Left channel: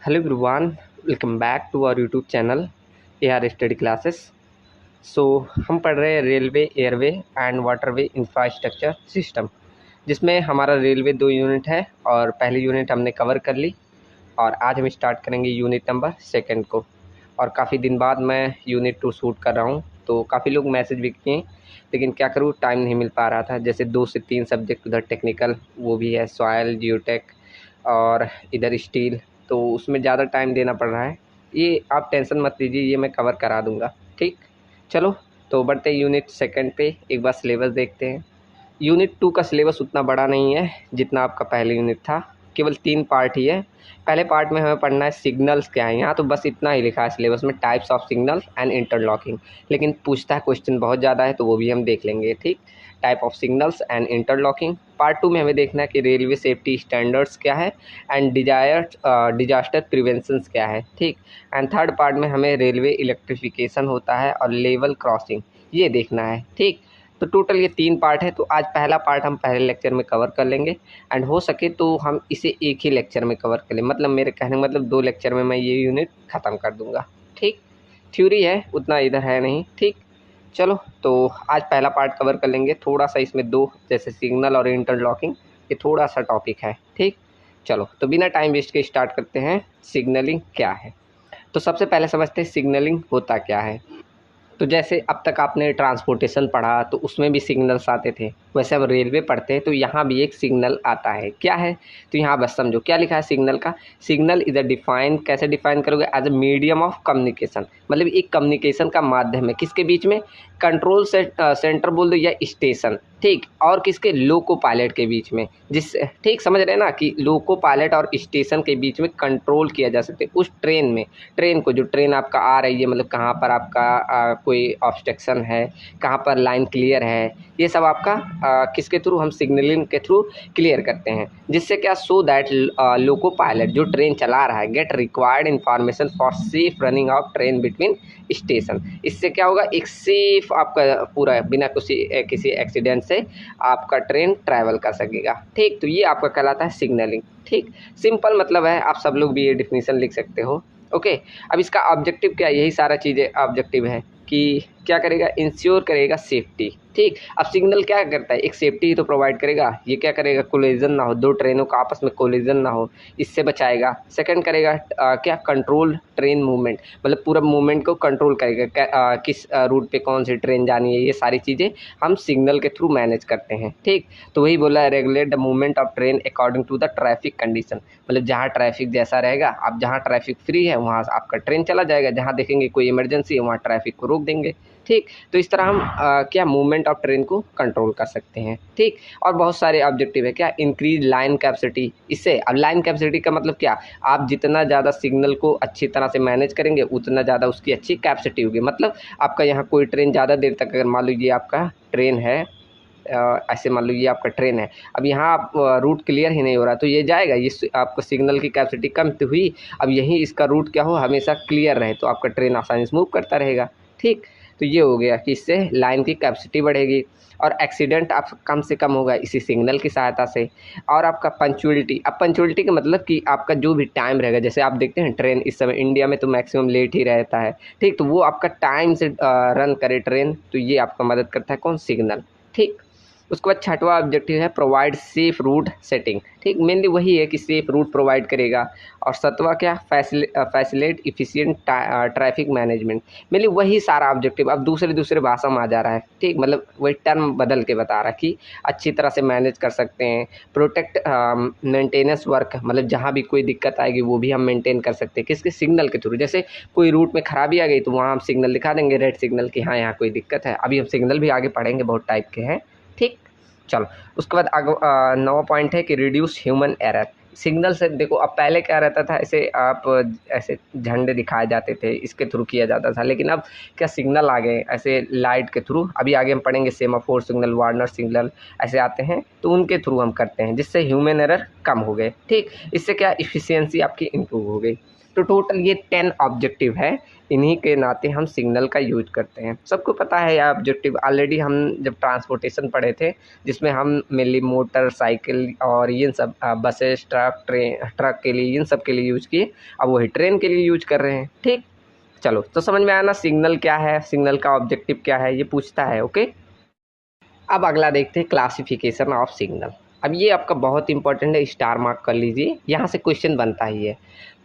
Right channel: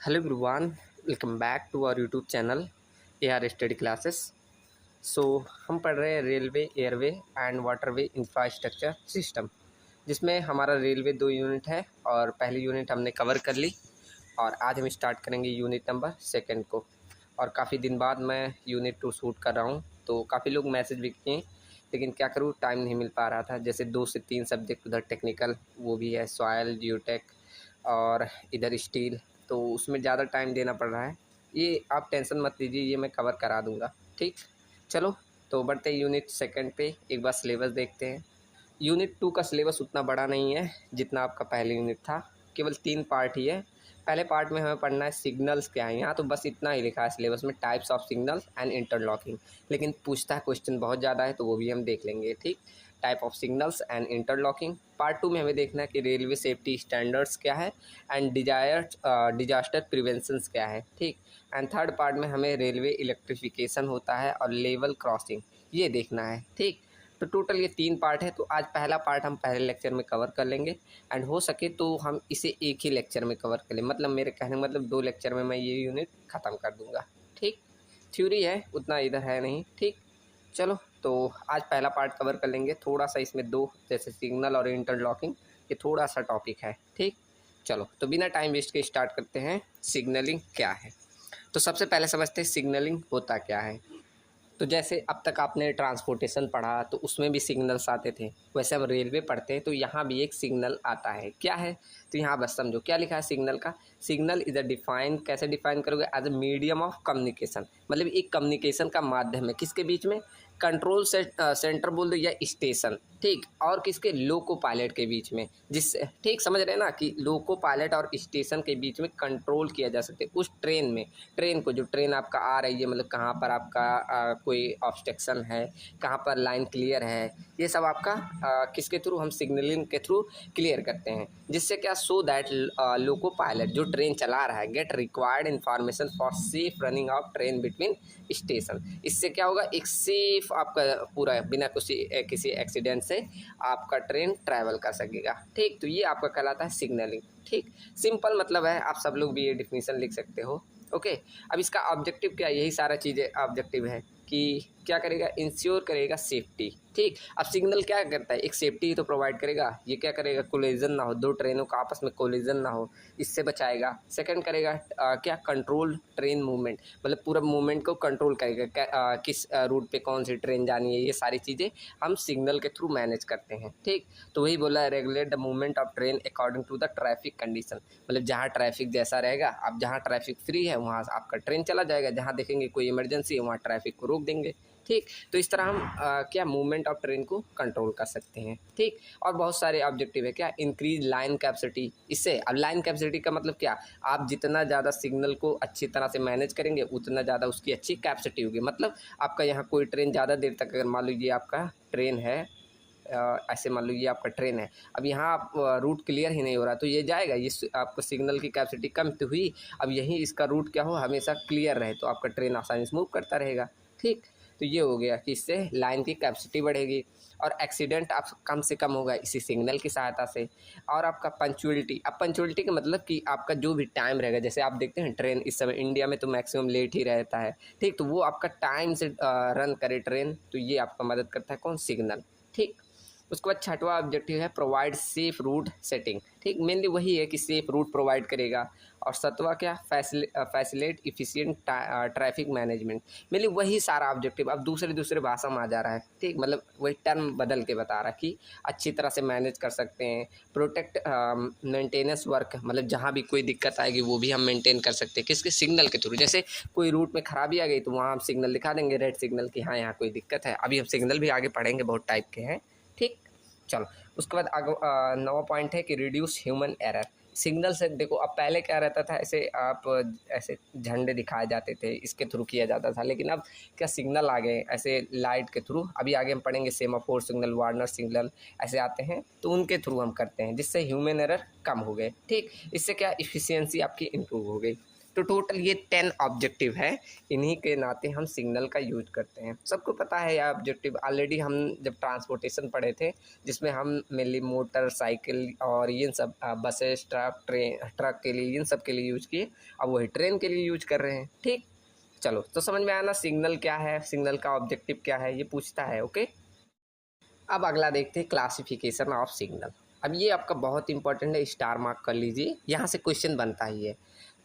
Hello everyone, welcome back to our YouTube channel A R study classes. So हम पढ़ रहे हैं railway airway and waterway infrastructure system, जिसमें हमारा railway 2 unit है और पहली यूनिट हमने कवर कर ली और आज हम स्टार्ट करेंगे यूनिट नंबर सेकंड को। और काफ़ी दिन बाद मैं यूनिट 2 शूट कर रहा हूँ, तो काफ़ी लोग मैसेज भी किए, लेकिन क्या करूँ, टाइम नहीं मिल पा रहा था। जैसे 2 से 3 सब्जेक्ट उधर टेक्निकल वो भी है, सॉयल जियोटेक और इधर स्टील, तो उसमें ज़्यादा टाइम देना पड़ रहा है। ये आप टेंशन मत लीजिए, ये मैं कवर करा दूँगा। ठीक, चलो तो बढ़ते हैं यूनिट सेकंड पे। एक बार सिलेबस देखते हैं। यूनिट 2 का सिलेबस उतना बड़ा नहीं है जितना आपका पहले यूनिट था, केवल 3 पार्ट ही है। पहले पार्ट में हमें पढ़ना है सिग्नल्स क्या है। यहाँ तो बस इतना ही लिखा है सिलेबस में, types of signal and interlocking, लेकिन पूछता है क्वेश्चन बहुत ज़्यादा है, तो वो भी हम देख लेंगे। ठीक, type of signals and interlocking. Part 2 में हमें देखना है कि रेलवे सेफ्टी स्टैंडर्ड्स क्या है एंड डिजास्टर प्रिवेंशंस क्या है। ठीक, एंड थर्ड पार्ट में हमें रेलवे इलेक्ट्रिफिकेशन होता है और लेवल क्रॉसिंग, ये देखना है। ठीक, तो टोटल ये 3 पार्ट है। तो आज पहला पार्ट हम पहले लेक्चर में कवर कर लेंगे एंड हो सके तो हम इसे एक ही लेक्चर में कवर कर लें। मतलब मेरे कहने का मतलब 2 लेक्चर में मैं ये यूनिट ख़त्म कर दूंगा। ठीक, थ्योरी है, उतना इधर है नहीं। ठीक, चलो तो आज पहला पार्ट कवर कर लेंगे। थोड़ा सा इसमें 2 जैसे सिग्नल और इंटरलॉकिंग, ये थोड़ा सा टॉपिक है। ठीक, चलो तो बिना टाइम वेस्ट के स्टार्ट करते हैं। सिग्नलिंग क्या है, तो सबसे पहले समझते हैं सिग्नलिंग होता क्या है। तो जैसे अब तक आपने ट्रांसपोर्टेशन पढ़ा तो उसमें भी सिग्नल्स आते थे, वैसे अब रेलवे पढ़ते हैं तो यहाँ भी एक सिग्नल आता है। क्या है, तो यहाँ बस समझो क्या लिखा है सिग्नल का। सिग्नल इधर डिफाइन कैसे डिफाइन करोगे, as a medium of communication, मतलब एक कम्युनिकेशन का माध्यम है। किसके बीच में, कंट्रोल सेंटर बोल दो या स्टेशन। ठीक, और किसके, लोको पायलट के बीच में। जिस ठीक समझ रहे हैं ना कि लोको पायलट और स्टेशन के बीच में कंट्रोल किया जा सकते उस ट्रेन में। ट्रेन को, जो ट्रेन आपका आ रही है, मतलब कहाँ पर आपका कोई ऑब्स्ट्रक्शन है, कहाँ पर लाइन क्लियर है, ये सब आपका किसके थ्रू, हम सिग्नलिंग के थ्रू क्लियर करते हैं। जिससे क्या, सो दैट लोको पायलट जो ट्रेन चला रहा है get required information for safe running of train between station. इससे क्या होगा, एक सेफ आपका पूरा बिना किसी एक्सीडेंट से आपका ट्रेन ट्रैवल कर सकेगा। ठीक, तो ये आपका कहलाता है सिग्नलिंग। ठीक, सिंपल मतलब है, आप सब लोग भी ये डिफिनीशन लिख सकते हो। ओके, अब इसका ऑब्जेक्टिव क्या है, यही सारा चीज़ें ऑब्जेक्टिव है कि क्या करेगा, इंश्योर करेगा सेफ्टी। ठीक, अब सिग्नल क्या करता है, एक सेफ्टी ही तो प्रोवाइड करेगा। ये क्या करेगा, कोलिजन ना हो, 2 ट्रेनों का आपस में कोलिजन ना हो, इससे बचाएगा। सेकंड करेगा क्या, कंट्रोल ट्रेन मूवमेंट, मतलब पूरा मूवमेंट को कंट्रोल करेगा। किस रूट पे कौन सी ट्रेन जानी है, ये सारी चीज़ें हम सिग्नल के थ्रू मैनेज करते हैं। ठीक, तो वही बोला है, regulate the movement of train according to the traffic condition, मतलब जहाँ ट्रैफिक जैसा रहेगा, अब जहाँ ट्रैफिक फ्री है वहाँ आपका ट्रेन चला जाएगा, जहाँ देखेंगे कोई इमरजेंसी है वहाँ ट्रैफिक को रोक देंगे। ठीक, तो इस तरह हम क्या, मूवमेंट ऑफ ट्रेन को कंट्रोल कर सकते हैं। ठीक, और बहुत सारे ऑब्जेक्टिव है। क्या, इंक्रीज लाइन कैपेसिटी। इससे अब लाइन कैपेसिटी का मतलब क्या, आप जितना ज़्यादा सिग्नल को अच्छी तरह से मैनेज करेंगे उतना ज़्यादा उसकी अच्छी कैपेसिटी होगी। मतलब आपका यहाँ कोई ट्रेन ज़्यादा देर तक, अगर मान लीजिए आपका ट्रेन है, ऐसे मान लीजिए आपका ट्रेन है, अब यहाँ आप रूट क्लियर ही नहीं हो रहा, तो ये जाएगा, ये आपको सिग्नल की कैपेसिटी कम तो हुई। अब यहीं इसका रूट क्या हो, हमेशा क्लियर रहे, तो आपका ट्रेन आसानी से मूव करता रहेगा। ठीक, तो ये हो गया कि इससे लाइन की कैपेसिटी बढ़ेगी और एक्सीडेंट आप कम से कम होगा इसी सिग्नल की सहायता से। और आपका पंक्चुअलिटी, अब पंक्चुअलिटी का मतलब कि आपका जो भी टाइम रहेगा, जैसे आप देखते हैं ट्रेन इस समय इंडिया में तो मैक्सिमम लेट ही रहता है। ठीक, तो वो आपका टाइम से रन करे ट्रेन, तो ये आपका मदद करता है कौन, सिग्नल। ठीक, उसके बाद छठवां ऑब्जेक्टिव है प्रोवाइड सेफ रूट सेटिंग। ठीक, मेनली वही है कि सेफ रूट प्रोवाइड करेगा। और सतवां क्या, facilitate efficient traffic management. Mainly वही सारा ऑब्जेक्टिव अब दूसरे भाषा में आ जा रहा है। ठीक, मतलब वही टर्म बदल के बता रहा है कि अच्छी तरह से मैनेज कर सकते हैं। प्रोटेक्ट मेंटेनेंस वर्क, मतलब जहाँ भी कोई दिक्कत आएगी वो भी हम मेंटेन कर सकते हैं, किसके, सिग्नल के थ्रू। जैसे कोई रूट में खराबी आ गई तो वहाँ हम सिग्नल दिखा देंगे, रेड सिग्नल कि हाँ यहाँ कोई दिक्कत है। अभी हम सिग्नल भी आगे पढ़ेंगे, बहुत टाइप के हैं। ठीक, चलो उसके बाद आगे 9वां पॉइंट है कि रिड्यूस ह्यूमन एरर। सिग्नल से देखो, अब पहले क्या रहता था, ऐसे आप ऐसे झंडे दिखाए जाते थे, इसके थ्रू किया जाता था, लेकिन अब क्या, सिग्नल आ गए ऐसे लाइट के थ्रू। अभी आगे हम पढ़ेंगे सेमाफोर सिग्नल, वार्नर सिग्नल ऐसे आते हैं, तो उनके थ्रू हम करते हैं, जिससे ह्यूमन एरर कम हो गए। ठीक, इससे क्या, इफिशियंसी आपकी इम्प्रूव हो गई। तो टोटल ये 10 ऑब्जेक्टिव है, इन्हीं के नाते हम सिग्नल का यूज करते हैं। सबको पता है ये ऑब्जेक्टिव, ऑलरेडी हम जब ट्रांसपोर्टेशन पढ़े थे जिसमें हम मेनली मोटर साइकिल और ये सब बसेस ट्रक के लिए इन सब के लिए यूज किए, अब वही ट्रेन के लिए यूज कर रहे हैं। ठीक, चलो तो समझ में आया ना सिग्नल क्या है, सिग्नल का ऑब्जेक्टिव क्या है, ये पूछता है। ओके, अब अगला देखते हैं क्लासिफिकेशन ऑफ सिग्नल। अब ये आपका बहुत इंपॉर्टेंट है, स्टार मार्क कर लीजिए, यहाँ से क्वेश्चन बनता ही है।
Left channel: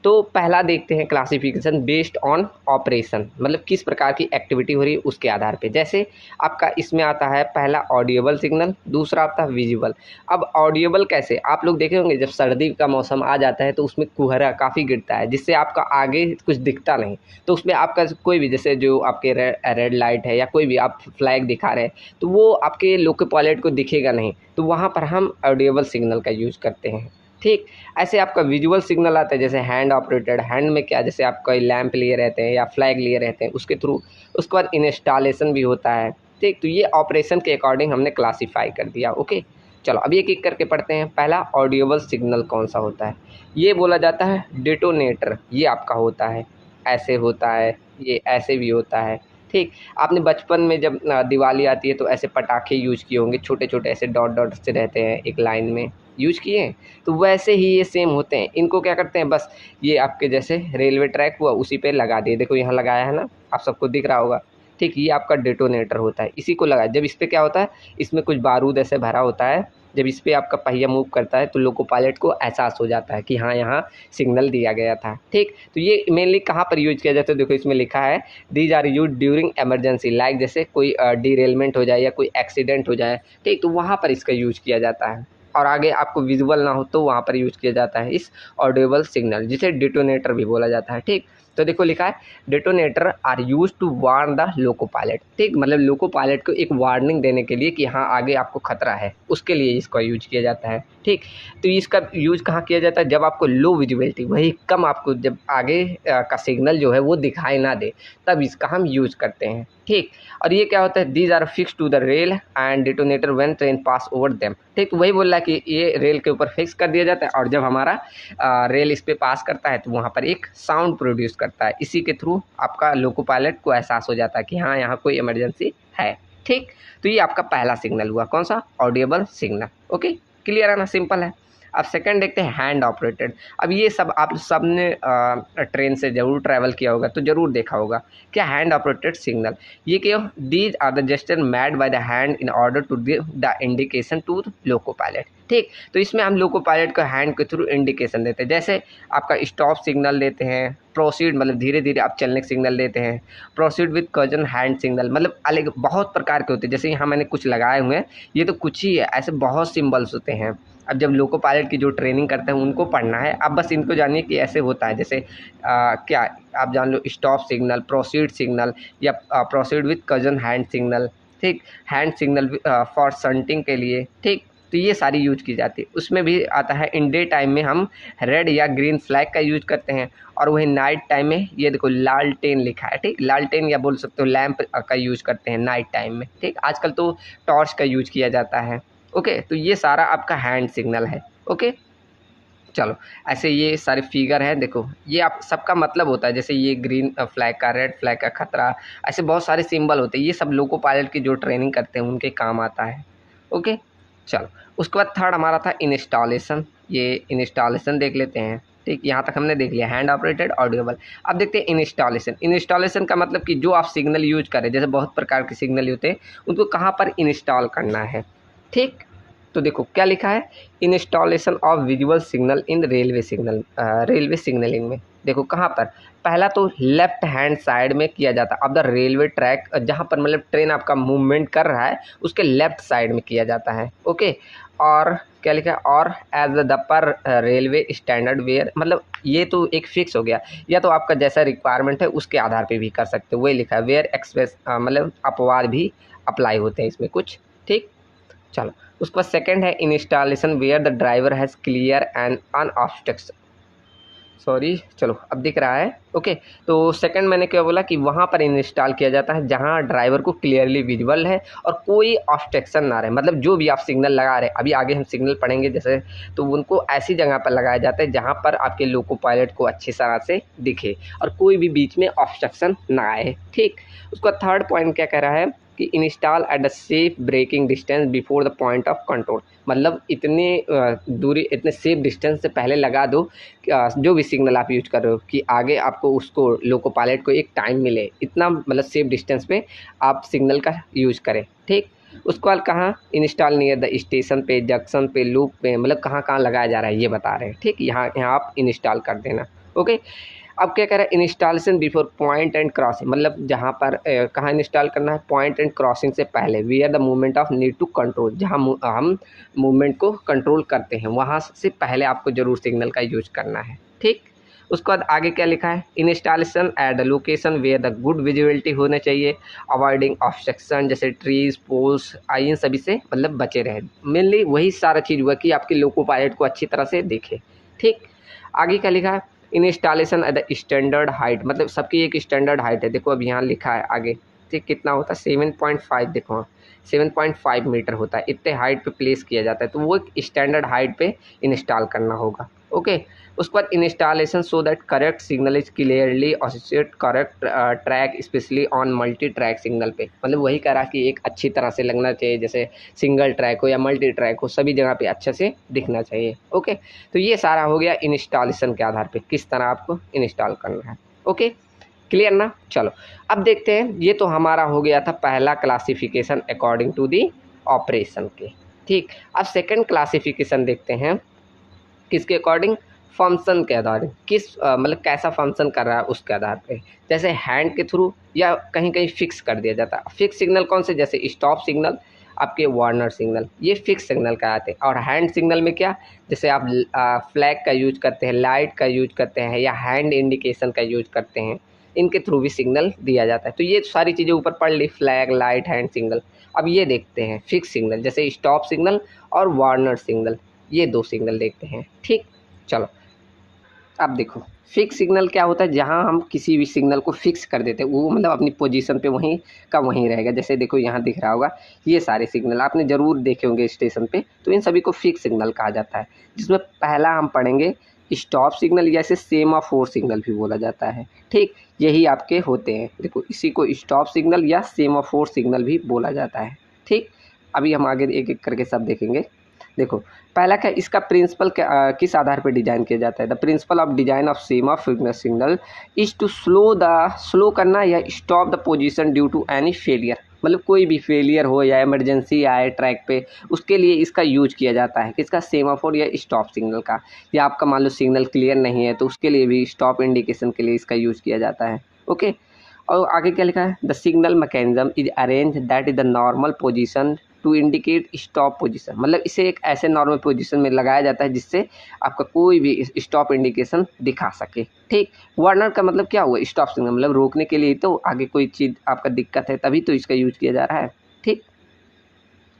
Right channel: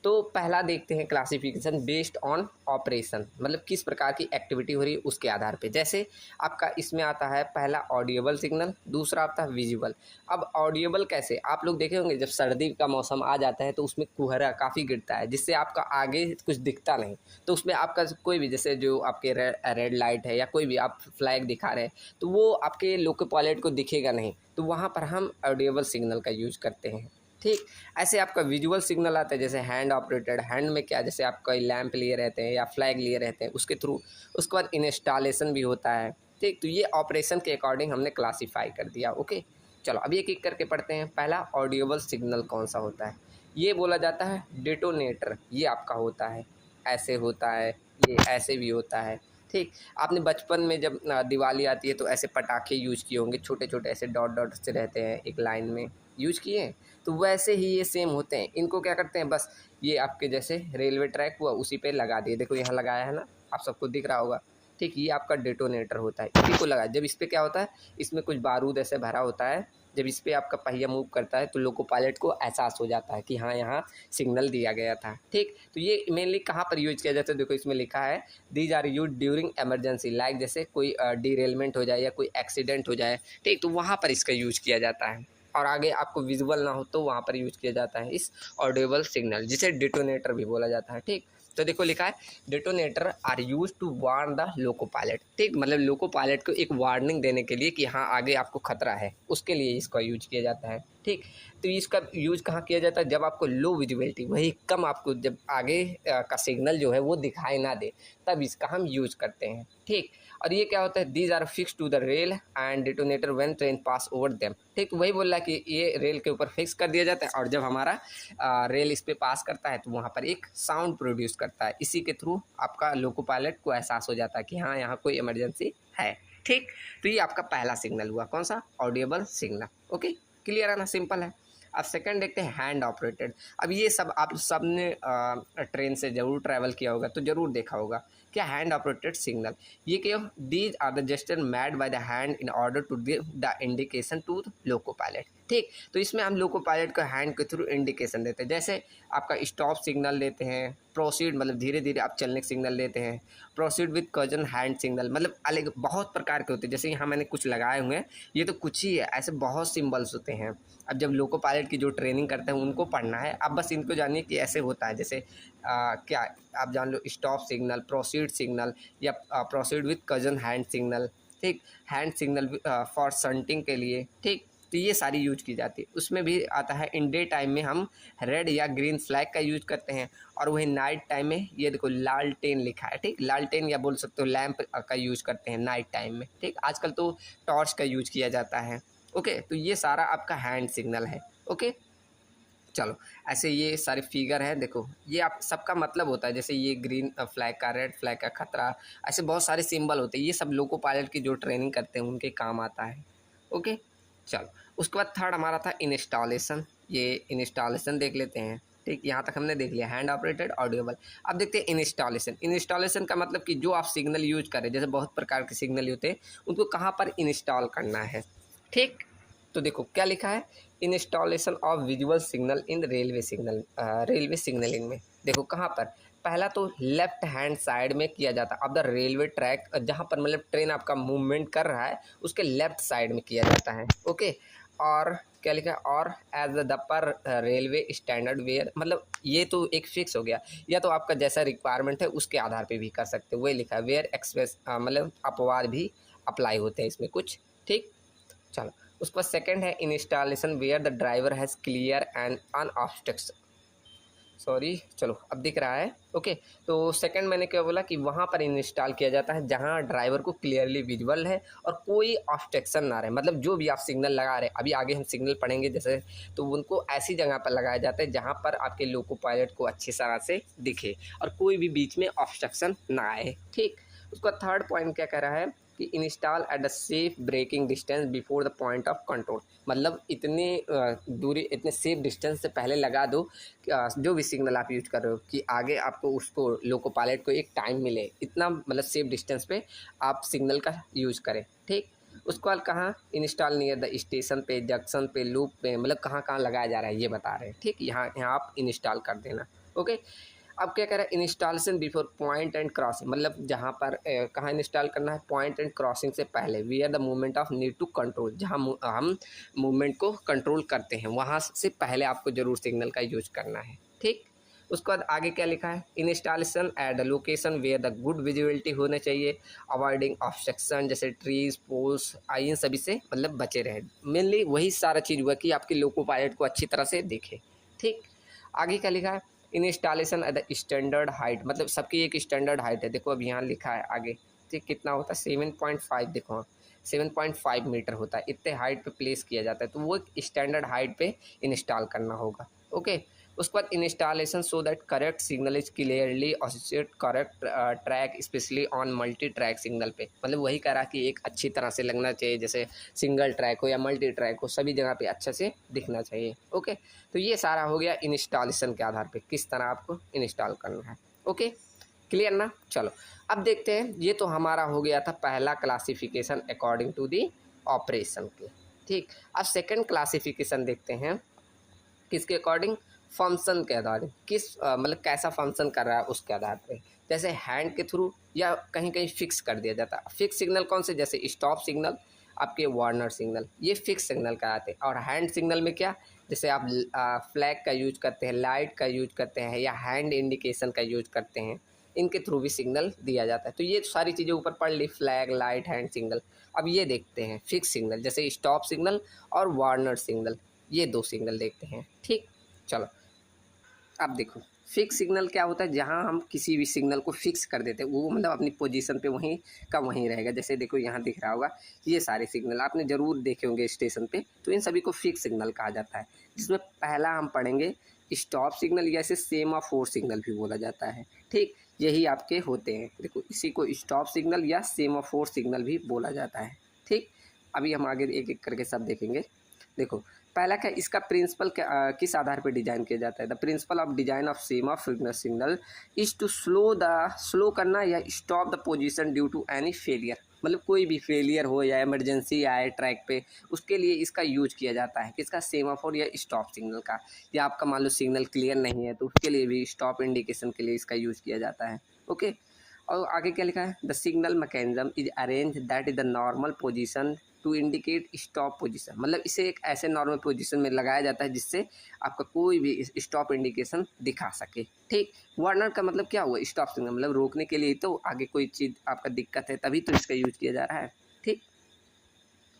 तो पहला देखते हैं क्लासिफिकेशन बेस्ड ऑन ऑपरेशन, मतलब किस प्रकार की एक्टिविटी हो रही है उसके आधार पे। जैसे आपका इसमें आता है पहला ऑडिएबल सिग्नल, दूसरा आता है विजुअल। अब ऑडिएबल कैसे, आप लोग देखे होंगे जब सर्दी का मौसम आ जाता है तो उसमें कुहरा काफ़ी गिरता है जिससे आपका आगे कुछ दिखता नहीं, तो उसमें आपका कोई भी जैसे जो आपके रेड लाइट है या कोई भी आप फ्लैग दिखा रहे हैं तो वो आपके लोको पायलट को दिखेगा नहीं, तो वहाँ पर हम ऑडिएबल सिग्नल का यूज़ करते हैं। ठीक, ऐसे आपका विजुअल सिग्नल आता है जैसे हैंड ऑपरेटेड, हैंड में क्या, जैसे आप कोई लैंप लिए रहते हैं या फ्लैग लिए रहते हैं उसके थ्रू, उसके बाद इंस्टॉलेशन भी होता है। ठीक, तो ये ऑपरेशन के अकॉर्डिंग हमने क्लासीफाई कर दिया। ओके, चलो अब एक एक करके पढ़ते हैं। पहला ऑडियोबल सिग्नल कौन सा होता है, ये बोला जाता है डेटोनेटर, ये आपका होता है, ऐसे होता है, ये ऐसे भी होता है। ठीक, आपने बचपन में जब दिवाली आती है तो ऐसे पटाखे यूज किए होंगे, छोटे छोटे ऐसे डॉट डॉट से रहते हैं एक लाइन में, यूज किए हैं, तो वैसे ही ये सेम होते हैं। इनको क्या करते हैं, बस ये आपके जैसे रेलवे ट्रैक हुआ उसी पे लगा दिए, देखो यहाँ लगाया है ना, आप सबको दिख रहा होगा। ठीक, ये आपका डेटोनेटर होता है, इसी को लगा, जब इस पर क्या होता है, इसमें कुछ बारूद ऐसे भरा होता है, जब इस पर आपका पहिया मूव करता है तो लोको पायलट को एहसास हो जाता है कि हाँ यहाँ सिग्नल दिया गया था। ठीक, तो ये मेनली कहाँ पर यूज किया जाता है, देखो इसमें लिखा है these are use during emergency, like जैसे कोई डीरेलमेंट हो जाए या कोई एक्सीडेंट हो जाए, ठीक, तो वहाँ पर इसका यूज किया जाता है। और आगे आपको विजुअल ना हो तो वहाँ पर यूज किया जाता है इस ऑडिबल सिग्नल, जिसे डिटोनेटर भी बोला जाता है। ठीक, तो देखो लिखा है detonator are use to warn the loco pilot. ठीक, मतलब लोको पायलट को एक वार्निंग देने के लिए कि हाँ आगे आपको खतरा है, उसके लिए इसका यूज किया जाता है। ठीक, तो इसका यूज कहाँ किया जाता है, जब आपको लो विजिबिलिटी, वही कम आपको जब आगे का सिग्नल जो है वो दिखाई ना दे, तब इसका हम यूज करते हैं। ठीक, और ये क्या होता है, these are fix to the rail and detonator when train pass over them. ठीक, तो वही बोल रहा है कि ये रेल के ऊपर फिक्स कर दिया जाता है और जब हमारा रेल इस पे पास करता है तो वहाँ पर एक साउंड प्रोड्यूस करता है, इसी के थ्रू आपका लोको पायलट को एहसास हो जाता है कि हाँ यहाँ कोई इमरजेंसी है। ठीक, तो ये आपका पहला सिग्नल हुआ, कौन सा, ऑडिएबल सिग्नल। ओके, क्लियर है ना, सिंपल है। अब सेकंड देखते हैं हैंड ऑपरेटेड। अब ये सब आप सब ने ट्रेन से ज़रूर ट्रैवल किया होगा तो ज़रूर देखा होगा क्या हैंड ऑपरेटेड सिग्नल, ये क्या, these are the gesture made by the hand in order to give the indication to loco pilot. ठीक, तो इसमें हम लोको पायलट को हैंड के थ्रू इंडिकेशन देते हैं, जैसे आपका स्टॉप सिग्नल देते हैं, प्रोसीड मतलब धीरे धीरे आप चलने का सिग्नल देते हैं, proceed with cousin hand signal, मतलब अलग बहुत प्रकार के होते हैं। जैसे यहाँ मैंने कुछ लगाए हुए हैं, ये तो कुछ ही है, ऐसे बहुत सिम्बल्स होते हैं। अब जब लोको पायलट की जो ट्रेनिंग करते हैं उनको पढ़ना है, अब बस इनको जानिए कि ऐसे होता है, जैसे क्या आप जान लो, स्टॉप सिग्नल, प्रोसीड सिग्नल या proceed with cousin hand signal. ठीक, हैंड सिग्नल फॉर शंटिंग के लिए। ठीक, तो ये सारी यूज की जाती है। उसमें भी आता है इन डे टाइम में हम रेड या ग्रीन फ्लैग का यूज करते हैं, और वही नाइट टाइम में ये देखो लालटेन लिखा है। ठीक, लालटेन या बोल सकते हो लैंप का यूज करते हैं नाइट टाइम में। ठीक, आजकल तो टॉर्च का यूज किया जाता है। ओके, तो ये सारा आपका हैंड सिग्नल है। ओके, चलो ऐसे ये सारे फिगर हैं, देखो ये आप सबका मतलब होता है, जैसे ये ग्रीन फ्लैग का, रेड फ्लैग का खतरा, ऐसे बहुत सारे सिंबल होते हैं, ये सब लोको पायलट की जो ट्रेनिंग करते हैं उनके काम आता है। ओके, चलो उसके बाद थर्ड हमारा था इंस्टॉलेशन, ये इंस्टॉलेशन देख लेते हैं। ठीक, यहाँ तक हमने देख लिया हैंड ऑपरेटेड ऑडियोबल। अब देखते हैं इंस्टॉलेशन। इंस्टॉलेशन का मतलब कि जो आप सिग्नल यूज करें, जैसे बहुत प्रकार के सिग्नल होते हैं, उनको कहाँ पर इंस्टॉल करना है। ठीक, तो देखो क्या लिखा है, installation of visual signal in railway signal, railway signalling में देखो कहाँ पर, पहला तो लेफ्ट हैंड साइड में किया जाता है। अब द रेलवे ट्रैक, जहाँ पर मतलब ट्रेन आपका मूवमेंट कर रहा है उसके लेफ्ट साइड में किया जाता है। ओके, और क्या लिखा है, और as the per railway standard where, मतलब ये तो एक फिक्स हो गया, या तो आपका जैसा रिक्वायरमेंट है उसके आधार पे भी कर सकते हो, वही लिखा है वेयर एक्सप्रेस, मतलब अपवाद भी अप्लाई होते हैं इसमें कुछ। ठीक, चलो उसके बाद सेकंड है installation where the driver has clear and an obstruction. Sorry, चलो अब दिख रहा है। ओके, तो सेकंड मैंने क्या बोला कि वहाँ पर इंस्टॉल किया जाता है जहाँ ड्राइवर को क्लियरली विजिबल है और कोई ऑब्स्ट्रक्शन ना रहे, मतलब जो भी आप सिग्नल लगा रहे हैं, अभी आगे हम सिग्नल पढ़ेंगे जैसे, तो उनको ऐसी जगह पर लगाया जाता है जहाँ पर आपके लोको पायलट को अच्छी तरह से दिखे और कोई भी बीच में ऑब्स्ट्रक्शन ना आए। ठीक, उसका थर्ड पॉइंट क्या कह रहा है कि install at the safe braking distance before the point of control, मतलब इतनी दूरी, इतने सेफ डिस्टेंस से पहले लगा दो जो भी सिग्नल आप यूज कर रहे हो कि आगे आपको उसको लोको पायलट को एक टाइम मिले, इतना मतलब सेफ डिस्टेंस पे आप सिग्नल का यूज करें। ठीक, उसके बाद कहाँ इंस्टॉल नियर द स्टेशन पे, जंक्शन पे, लूप पे, मतलब कहाँ कहाँ लगाया जा रहा है ये बता रहे हैं। ठीक, यहाँ यहाँ आप इंस्टॉल कर देना। ओके, अब क्या कह रहा है installation before point and crossing, मतलब जहाँ पर कहाँ इंस्टॉल करना है, पॉइंट एंड क्रॉसिंग से पहले, where the movement of need to control, जहाँ हम मूवमेंट को कंट्रोल करते हैं वहाँ से पहले आपको जरूर सिग्नल का यूज करना है। ठीक, उसके बाद आगे क्या लिखा है, installation at the location where the good visibility होने चाहिए, अवॉइडिंग ऑब्स्ट्रक्शन जैसे ट्रीज, पोल्स, इन सभी से मतलब बचे रहे। मेनली वही सारा चीज़ हुआ कि आपके लोको पायलट को अच्छी तरह से देखे। ठीक, आगे क्या लिखा है, installation at the standard height, मतलब सबकी एक स्टैंडर्ड हाइट है। देखो अब यहाँ लिखा है आगे, ठीक, कितना होता है 7.5, देखो हाँ 7.5 मीटर होता है, इतने हाइट पे प्लेस किया जाता है, तो वो एक स्टैंडर्ड हाइट पे इंस्टॉल करना होगा। ओके, उसके बाद installation so that correct signal is clearly associate correct track specially on multi track signal पे, मतलब वही कह रहा कि एक अच्छी तरह से लगना चाहिए, जैसे सिंगल ट्रैक हो या मल्टी ट्रैक हो, सभी जगह पे अच्छे से दिखना चाहिए। ओके, तो ये सारा हो गया इंस्टॉलेशन के आधार पे किस तरह आपको इंस्टॉल करना है। ओके, क्लियर ना। चलो अब देखते हैं, ये तो हमारा हो गया था पहला classification according to the operation के। ठीक, अब सेकंड क्लासिफिकेशन देखते हैं किसके अकॉर्डिंग, फंक्शन के आधार, किस मतलब कैसा फंक्शन कर रहा है उसके आधार पे, जैसे हैंड के थ्रू या कहीं कहीं फिक्स कर दिया जाता है। फिक्स सिग्नल कौन से, जैसे स्टॉप सिग्नल, आपके वार्नर सिग्नल, ये फिक्स सिग्नल कहलाते हैं। और हैंड सिग्नल में क्या, जैसे आप फ्लैग का यूज करते हैं, लाइट का यूज करते हैं या हैंड इंडिकेशन का यूज करते हैं, इनके थ्रू भी सिग्नल दिया जाता है। तो ये सारी चीज़ें ऊपर पढ़ ली, फ्लैग, लाइट, हैंड सिग्नल। अब ये देखते हैं फिक्स सिग्नल, जैसे स्टॉप सिग्नल और वार्नर सिग्नल, ये दो सिग्नल देखते हैं। ठीक, चलो अब देखो फिक्स सिग्नल क्या होता है, जहाँ हम किसी भी सिग्नल को फिक्स कर देते हैं, वो मतलब अपनी पोजीशन पे वहीं का वहीं रहेगा। जैसे देखो यहाँ दिख रहा होगा, ये सारे सिग्नल आपने ज़रूर देखे होंगे स्टेशन पे, तो इन सभी को फिक्स सिग्नल कहा जाता है। जिसमें पहला हम पढ़ेंगे स्टॉप सिग्नल, या इसे सेमाफोर सिग्नल भी बोला जाता है। ठीक, यही आपके होते हैं, देखो इसी को स्टॉप सिग्नल या सेमाफोर सिग्नल भी बोला जाता है। ठीक, अभी हम आगे एक एक करके सब देखेंगे। देखो पहला क्या, इसका प्रिंसिपल किस आधार पर डिजाइन किया जाता है, the principle of design of semaphore signal is to slow करना या stop the position due to any failure, मतलब कोई भी फेलियर हो या इमरजेंसी आए ट्रैक पे, उसके लिए इसका यूज किया जाता है। किसका, सेमाफोर या स्टॉप सिग्नल का। या आपका मान लो सिग्नल क्लियर नहीं है तो उसके लिए भी स्टॉप इंडिकेशन के लिए इसका यूज किया जाता है। ओके, और आगे क्या लिखा है, the signal mechanism is arrange that is the normal position to indicate stop position, मतलब इसे एक ऐसे नॉर्मल पोजीशन में लगाया जाता है जिससे आपका कोई भी स्टॉप इंडिकेशन दिखा सके। ठीक, वार्नर का मतलब क्या हुआ, स्टॉप सिग्नल, मतलब रोकने के लिए, तो आगे कोई चीज़ आपका दिक्कत है तभी तो इसका यूज किया जा रहा है। ठीक,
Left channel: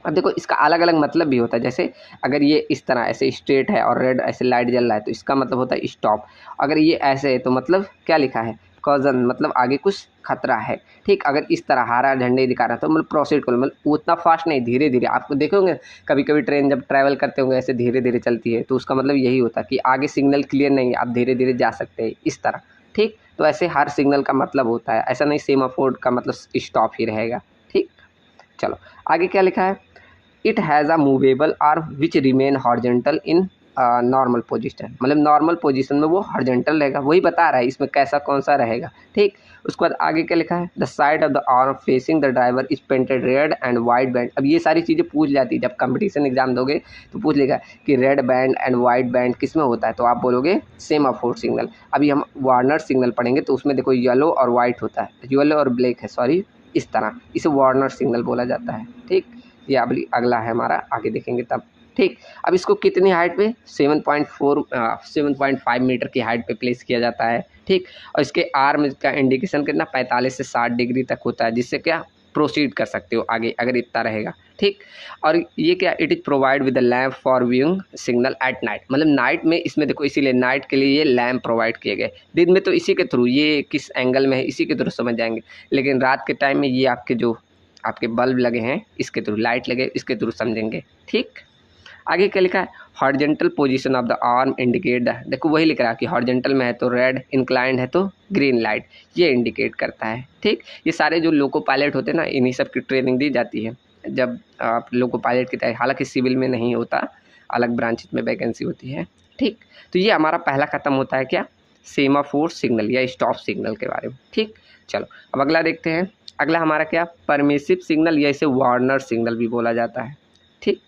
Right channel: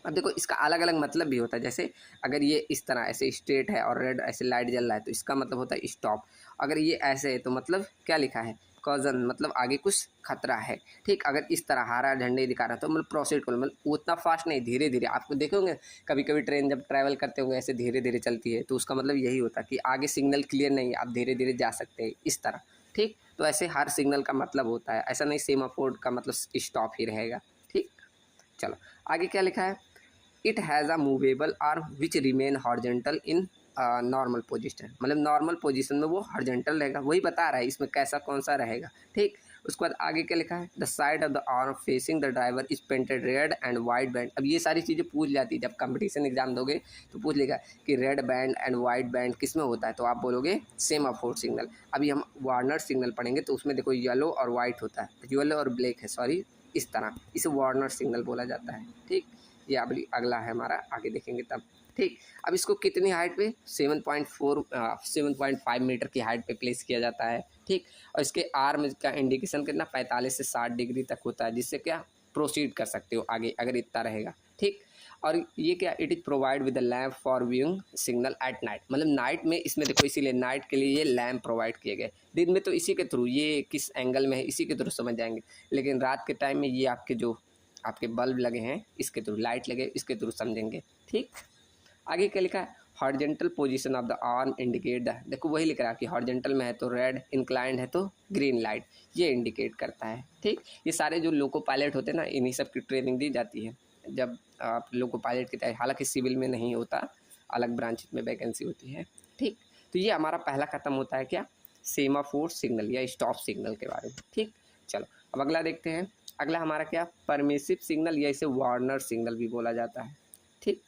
अब देखो इसका अलग अलग मतलब भी होता है, जैसे अगर ये इस तरह ऐसे स्ट्रेट है और रेड ऐसे लाइट जल रहा है तो इसका मतलब होता है स्टॉप। अगर ये ऐसे है तो मतलब क्या लिखा है, कॉजन, मतलब आगे कुछ खतरा है। ठीक, अगर इस तरह हरा झंडे दिखा रहा है तो मतलब प्रोसीड करो, मतलब उतना फास्ट नहीं, धीरे धीरे। आपको देखोगे कभी कभी ट्रेन जब ट्रैवल करते होंगे ऐसे धीरे धीरे चलती है, तो उसका मतलब यही होता है कि आगे सिग्नल क्लियर नहीं है, आप धीरे धीरे जा सकते हैं इस तरह। ठीक, तो ऐसे हर सिग्नल का मतलब होता है, ऐसा नहीं सेमाफोर का मतलब स्टॉप ही रहेगा। ठीक, चलो आगे क्या लिखा है, it has a movable arm which remain horizontal in normal position, मतलब नॉर्मल पोजीशन में वो हॉर्जेंटल रहेगा, वही बता रहा है इसमें कैसा कौन सा रहेगा। ठीक, उसके बाद आगे क्या लिखा है, the side of the arm facing the driver is painted red and white band. अब ये सारी चीज़ें पूछ जाती है, जब कंपटीशन एग्जाम दोगे तो पूछ लेगा कि red band and white band किस में होता है, तो आप बोलोगे सेमाफोर सिग्नल। अभी हम वार्नर सिग्नल पढ़ेंगे तो उसमें देखो येलो और वाइट होता है, येलो और ब्लैक है, सॉरी, इस तरह इसे वार्नर सिग्नल बोला जाता है। ठीक, ये अगली अगला है हमारा, आगे देखेंगे तब। ठीक, अब इसको कितनी हाइट पे, 7.5 मीटर की हाइट पे प्लेस किया जाता है। ठीक, और इसके आर्म का इंडिकेशन कितना 45 से 60 डिग्री तक होता है, जिससे क्या प्रोसीड कर सकते हो आगे अगर इतना रहेगा। ठीक। और ये क्या, it is provide with the lamp for viewing signal at night, मतलब नाइट में इसमें देखो, इसीलिए नाइट के लिए ये लैम्प प्रोवाइड किए गए। दिन में तो इसी के थ्रू, ये किस एंगल में है इसी के थ्रू समझ जाएंगे, लेकिन रात के टाइम में ये आपके जो आपके बल्ब लगे हैं इसके थ्रू, लाइट लगे इसके थ्रू समझेंगे। ठीक। आगे क्या लिखा है, horizontal position of the arm indicate the, देखो वही लिख रहा है कि हॉरिजॉन्टल में है तो रेड, इंक्लाइंड है तो ग्रीन लाइट, ये इंडिकेट करता है। ठीक। ये सारे जो लोको पायलट होते हैं ना, इन्हीं सब की ट्रेनिंग दी जाती है जब आप लोको पायलट की तैयारी, हालांकि सिविल में नहीं होता, अलग ब्रांच में वैकेंसी होती है। ठीक। तो ये हमारा पहला खत्म होता है क्या, सेमाफोर सिग्नल या स्टॉप सिग्नल के बारे में। ठीक। चलो अब अगला देखते हैं। अगला हमारा क्या, परमिसिव सिग्नल या इसे वार्नर सिग्नल भी बोला जाता है। ठीक।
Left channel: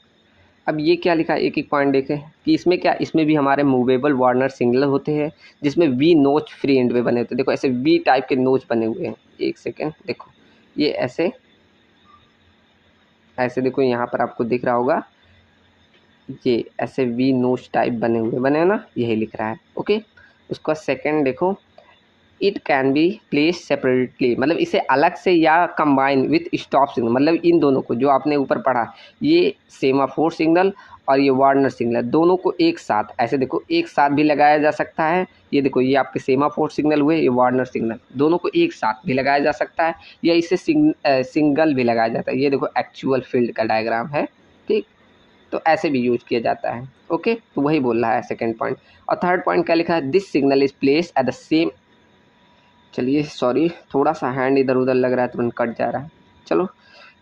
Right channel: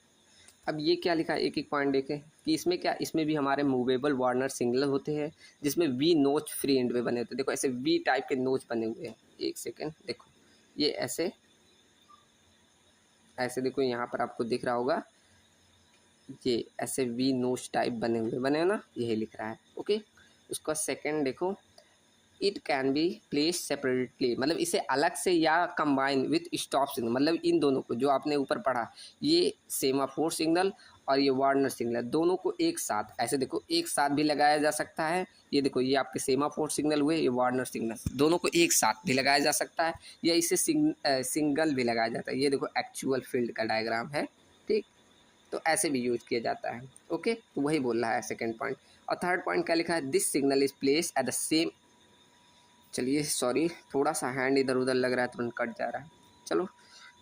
अब ये क्या लिखा है, एक एक पॉइंट देखें कि इसमें क्या, इसमें भी हमारे मूवेबल वार्नर सिग्नल होते हैं जिसमें वी नोच फ्री एंड वे बने होते हैं। देखो ऐसे वी टाइप के नोच बने हुए हैं, एक सेकेंड देखो, ये ऐसे ऐसे देखो, यहाँ पर आपको दिख रहा होगा, ये ऐसे वी नोच टाइप बने हैं ना, यही लिख रहा है। ओके। उसका सेकेंड देखो, it can be place separately, मतलब इसे अलग से या कंबाइन विथ स्टॉप सिग्नल, मतलब इन दोनों को जो आपने ऊपर पढ़ा, ये सेमाफोर सिग्नल और ये वार्नर सिग्नल, दोनों को एक साथ ऐसे देखो एक साथ भी लगाया जा सकता है। ये देखो, ये आपके सेमाफोर सिग्नल हुए, ये वार्नर सिग्नल, दोनों को एक साथ भी लगाया जा सकता है या इसे सिंगल भी लगाया जाता है। ये देखो एक्चुअल फील्ड का डायग्राम है। ठीक। तो ऐसे भी यूज किया जाता है। ओके। तो वही बोल रहा है सेकेंड पॉइंट। और थर्ड पॉइंट क्या लिखा है, this signal is place at the same, चलिए सॉरी थोड़ा सा हैंड इधर उधर लग रहा है, तुरंत कट जा रहा है। चलो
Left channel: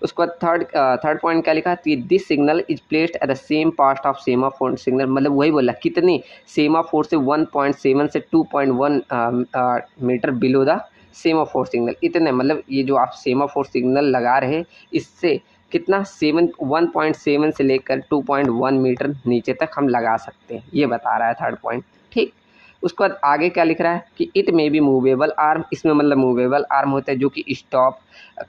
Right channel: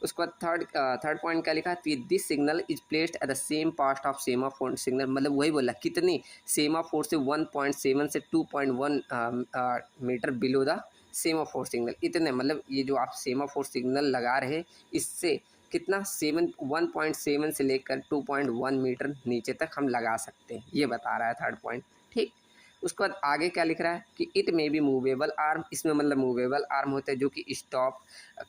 उसके बाद थर्ड पॉइंट क्या लिखा है कि this signal is placed at the same part of semaphore signal, मतलब वही बोला कितनी, सेमाफोर से 1.7 से 2.1 metre below the semaphore signal, इतने, मतलब ये जो आप सेमाफोर सिग्नल लगा रहे इससे कितना 1.7 से लेकर 2.1 मीटर नीचे तक हम लगा सकते हैं, ये बता रहा है थर्ड पॉइंट। ठीक। उसके बाद आगे क्या लिख रहा है कि it may be movable arm, इसमें मतलब मूवेबल आर्म होता है जो कि स्टॉप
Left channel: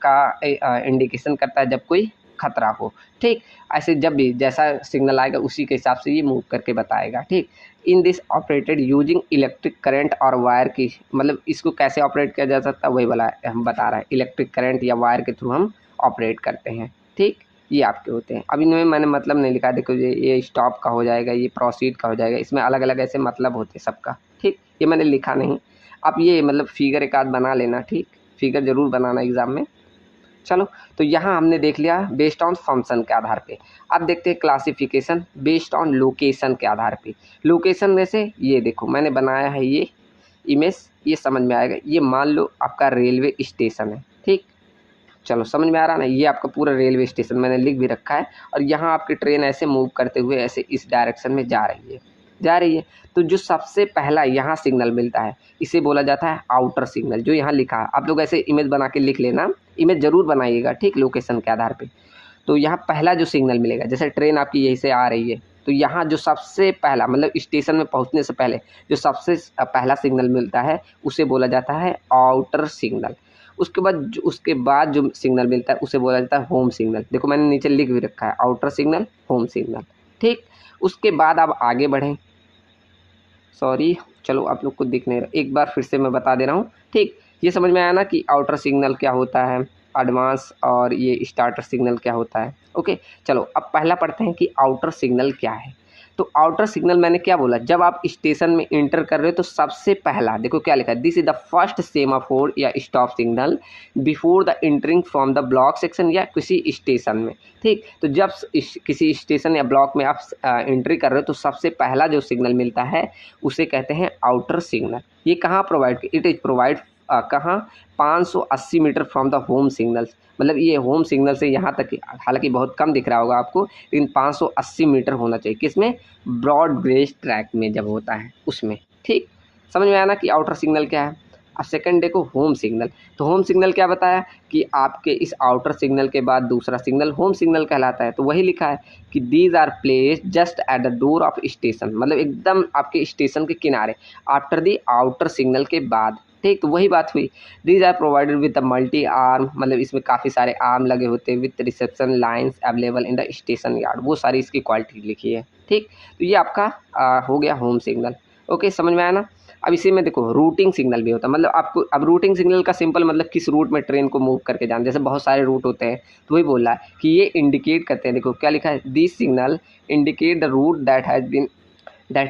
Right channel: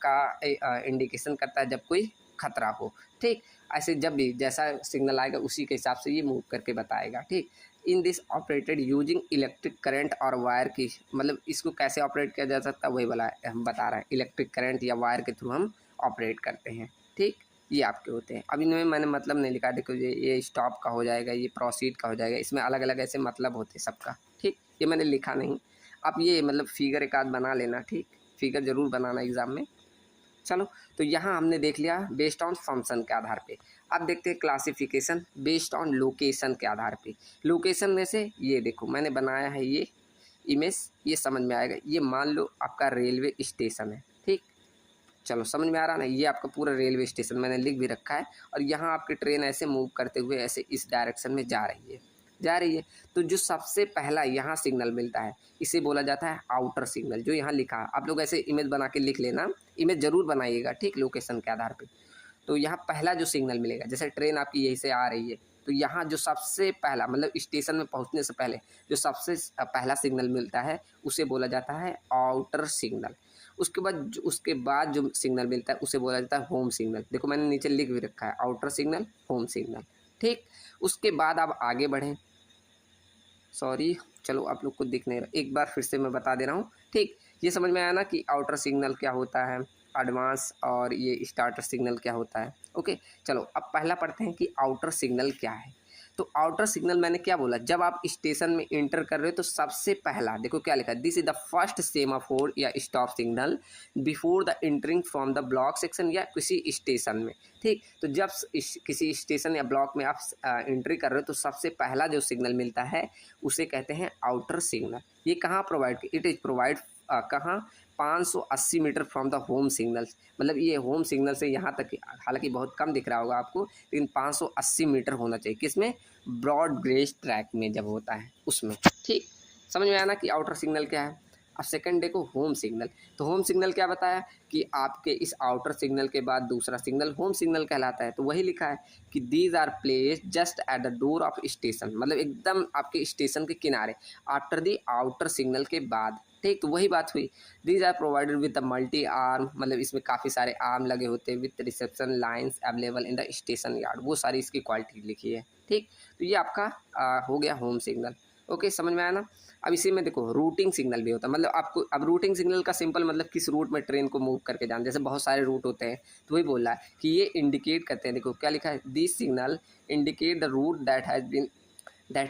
का इंडिकेशन करता है जब कोई खतरा हो। ठीक। ऐसे जब भी जैसा सिग्नल आएगा उसी के हिसाब से ये मूव करके बताएगा। ठीक। In this operated using electric current और वायर की, मतलब इसको कैसे ऑपरेट किया जा सकता है वही वाला हम बता रहा है, इलेक्ट्रिक करंट या वायर के थ्रू हम ऑपरेट करते हैं। ठीक। ये आपके होते हैं। अब इनमें मैंने मतलब नहीं लिखा, देखो ये स्टॉप का हो जाएगा, ये प्रोसीड का हो जाएगा, इसमें अलग अलग ऐसे मतलब होते हैं सबका। ठीक। ये मैंने लिखा नहीं, आप ये मतलब फिगर एक आध बना लेना। ठीक। फिगर ज़रूर बनाना एग्ज़ाम में। चलो तो यहाँ हमने देख लिया बेस्ड ऑन फंक्शन के आधार पे। अब देखते हैं क्लासिफिकेशन बेस्ड ऑन लोकेशन के आधार पे। लोकेशन में से ये देखो मैंने बनाया है ये इमेज, ये समझ में आएगा। ये मान लो आपका रेलवे स्टेशन है। ठीक। चलो समझ में आ रहा ना, ये आपका पूरा रेलवे स्टेशन मैंने लिख भी रखा है, और यहाँ आपकी ट्रेन ऐसे मूव करते हुए ऐसे इस डायरेक्शन में जा रही है। तो जो सबसे पहला यहाँ सिग्नल मिलता है इसे बोला जाता है आउटर सिग्नल, जो यहाँ लिखा है। आप लोग ऐसे इमेज बना के लिख लेना, इमेज ज़रूर बनाइएगा। ठीक। लोकेशन के आधार पे तो यहाँ पहला जो सिग्नल मिलेगा, जैसे ट्रेन आपकी यहीं से आ रही है तो यहाँ जो सबसे पहला मतलब स्टेशन में पहुँचने से पहले जो सबसे पहला सिग्नल मिलता है उसे बोला जाता है आउटर सिग्नल। उसके बाद जो सिग्नल मिलता है उसे बोला जाता है होम सिग्नल। देखो मैंने नीचे लिख भी रखा है, आउटर सिग्नल, होम सिग्नल। ठीक। उसके बाद आप आगे बढ़ें, सॉरी चलो आप लोग को दिख नहीं रहा, एक बार फिर से मैं बता दे रहा हूँ। ठीक। ये समझ में आया ना कि आउटर सिग्नल क्या होता है, एडवांस और ये स्टार्टर सिग्नल क्या होता है। ओके। चलो अब पहला पढ़ते हैं कि आउटर सिग्नल क्या है। तो आउटर सिग्नल मैंने क्या बोला, जब आप स्टेशन में इंटर कर रहे हो तो सबसे पहला देखो क्या लिखा है, this is the first semaphore या stop signal before the entering from the block section या किसी स्टेशन में। ठीक। तो जब किसी स्टेशन या ब्लॉक में आप एंट्री कर रहे हो तो सबसे पहला जो सिग्नल मिलता है उसे कहते हैं आउटर सिग्नल। ये कहाँ प्रोवाइड, इट इज़ प्रोवाइड कहाँ, 580 metre from the home signals, मतलब ये होम सिग्नल से यहाँ तक, हालांकि बहुत कम दिख रहा होगा आपको, लेकिन 580 मीटर होना चाहिए। किसमें, ब्रॉड गेज ट्रैक में जब होता है उसमें। ठीक। समझ में आया ना कि आउटर सिग्नल क्या है। अब सेकंड देखो होम सिग्नल। तो होम सिग्नल क्या बताया कि आपके इस आउटर सिग्नल के बाद दूसरा सिग्नल होम सिग्नल कहलाता है। तो वही लिखा है कि these are placed just at the door of station, मतलब एकदम आपके स्टेशन के किनारे, आफ्टर द आउटर सिग्नल के बाद। ठीक। तो वही बात हुई, these are provided with the multi arm, मतलब इसमें काफ़ी सारे आर्म लगे होते हैं, with reception lines available in the station yard, वो सारी इसकी क्वालिटी लिखी है। ठीक। तो ये आपका हो गया होम सिग्नल। ओके। समझ में आया ना। अब इसी में देखो रूटिंग सिग्नल भी होता है, मतलब आपको अब रूटिंग सिग्नल का सिंपल मतलब किस रूट में ट्रेन को मूव करके जाना, जैसे बहुत सारे रूट होते हैं तो वही बोल रहा है कि ये इंडिकेट करते हैं। देखो क्या लिखा है, this signal indicate the route that